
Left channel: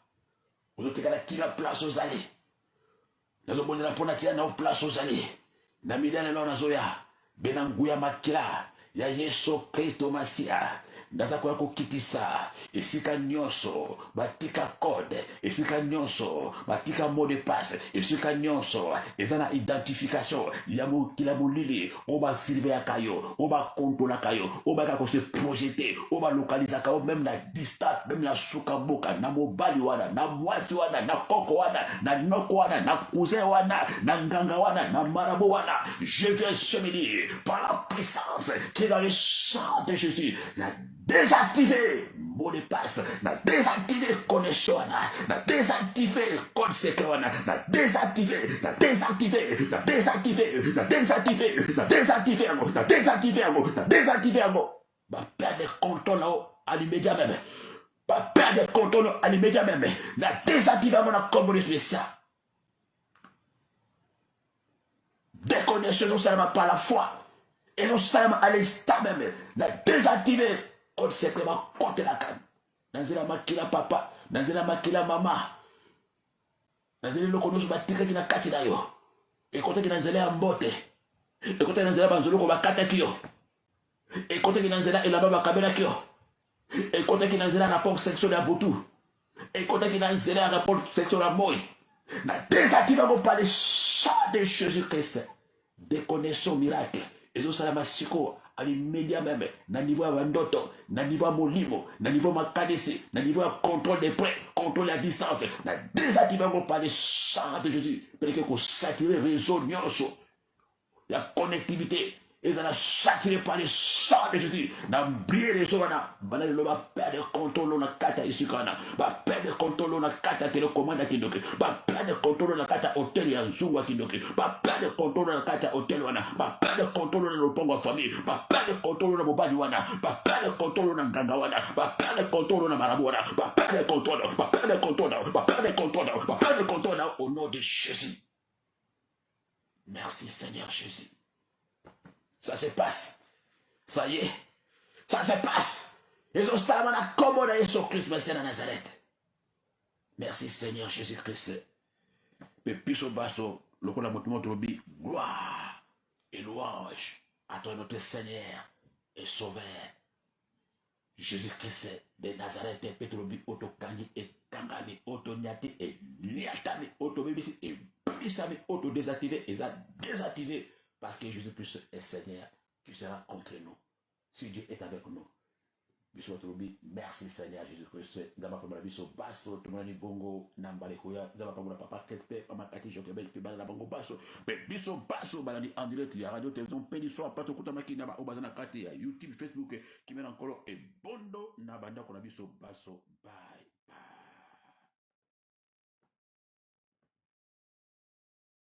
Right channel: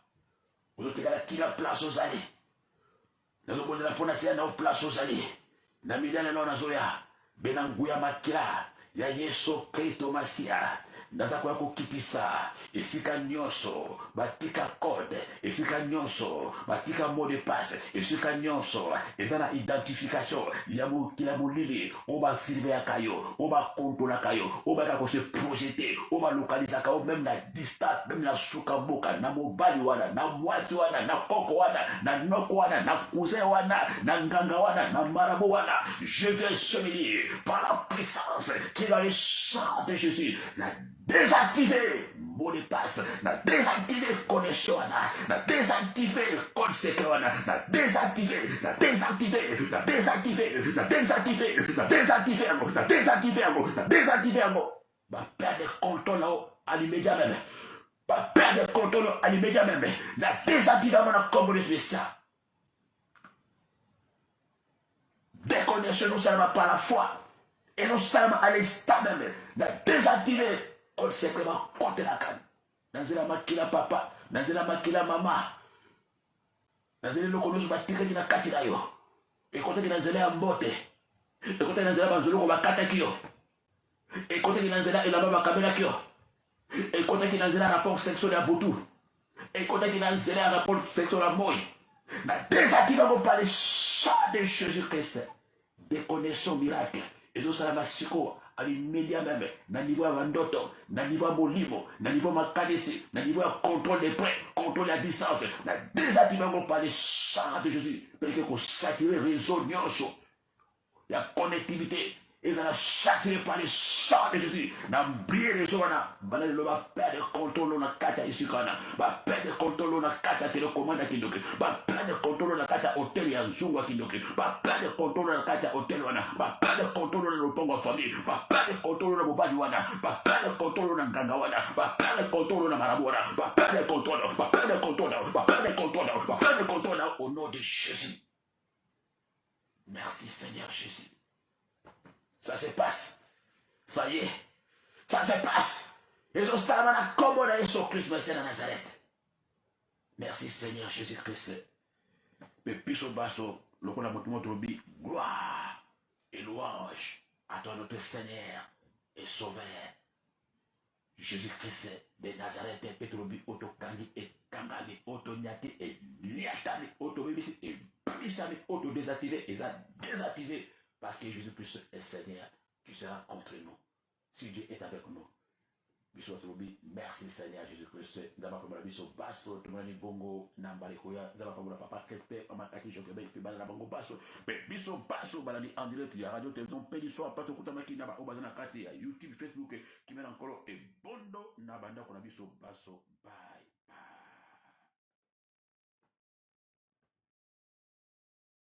Peut-être que la kila place aux allées. Nazo bonne la ponatia na place aux allées. Na midana na nazoya. Benanguya makila. Ya Yesu Kristo Masia. Naza kwa kokitisa esika nyonso batika code esika nyonso batika mot de passe esika nyonso ezana identification ya mokila molili oba sirve akayo oba contrôle akayo oba ka se projeter oba localiser akayo même na distance même na suka boka na mobali wana na mwasi wana na koko wana na noko wana na cousin wana na nganga wana na marabo wana je viens ce midi par la puissance qui est dans le sang de Jésus la désactiver mot de passe, na désactiver connexion, na désactiver code secret, na désactiver, na désactiver, na désactiver, na désactiver, na désactiver, na désactiver, na désactiver, va perdre contrôle à l'immédiat même. Va perdre contrôle à l'immédiat même. La désactiver mon communauté spéciale. Déconnexion non seulement par la foi, et non seulement à l'instant même. La désactiver. On sait vraiment compter la canne. Dans la makila papa, dans la makila maman, dans la lokono ba tiketi na kati na yo. Et côté dans la mbote. Et côté dans la banzolo ba kata kio. Et côté dans la et la baba kabela kio. Et côté dans la rapport sexuel à Boutou. Et côté dans la rapport sexuel à Moï. Na désactivons par le sang de Jésus-Christ. Déconnexion miracle. Et ça la masiko. Média même, na niveau ya bandoto, na niveau ya molimo, na niveau ya makanisi, na niveau ya contrôle des points, contrôle à distance, na désactiver par le sang de Jésus, parce que saturer réseau nyonso, la connectivité, et ça saturé par le sang de Jésus, na briller réseau na, banal le va perdre contrôle na kata isikana, va perdre contrôle na kata télécommande kindoki, va perdre contrôle na kata hôtel ya nzungu kindoki, va perdre contrôle na kata hôtel wana, va perdre contrôle na lopango famille, va perdre contrôle na bobali wana, va perdre contrôle na nganga wana, va perdre contrôle na marabu wana, va perdre contrôle, va perdre contrôle, va perdre contrôle, va perdre contrôle au nom de Jésus. Merci Seigneur Jésus. Ça se passe. Ça y est. Ça se passe. Et je sais comment on a Jésus Christ, merci à Nazareth. Merci Seigneur Jésus-Christ. Mais puis au bateau, le qu'on a montré gloire et louange à ton notre Seigneur et Sauveur. Jésus-Christ de Nazareth, Petrobi, Otokandi et Kangani, Otonyati et Niatani, Otobébisi et Brisami, Autodésactivé et désactivé. Parce que Jésus-Christ est Seigneur, tu seras contre nous. Si Dieu est avec nous. Merci Seigneur Jésus-Christ. Nous avons la vie sur basso, tout le monde bongo, n'ambalikoya, nous avons papa Kesper, on m'a kati, je vais te la bongo basso. Mais biso basso, baladi en direct, il y a radio, télévision, pédisson, pas tout le monde qui n'a pas obazana kati, YouTube, Facebook, qui met encore et bondo, n'abanda qu'on a biso basso, bye.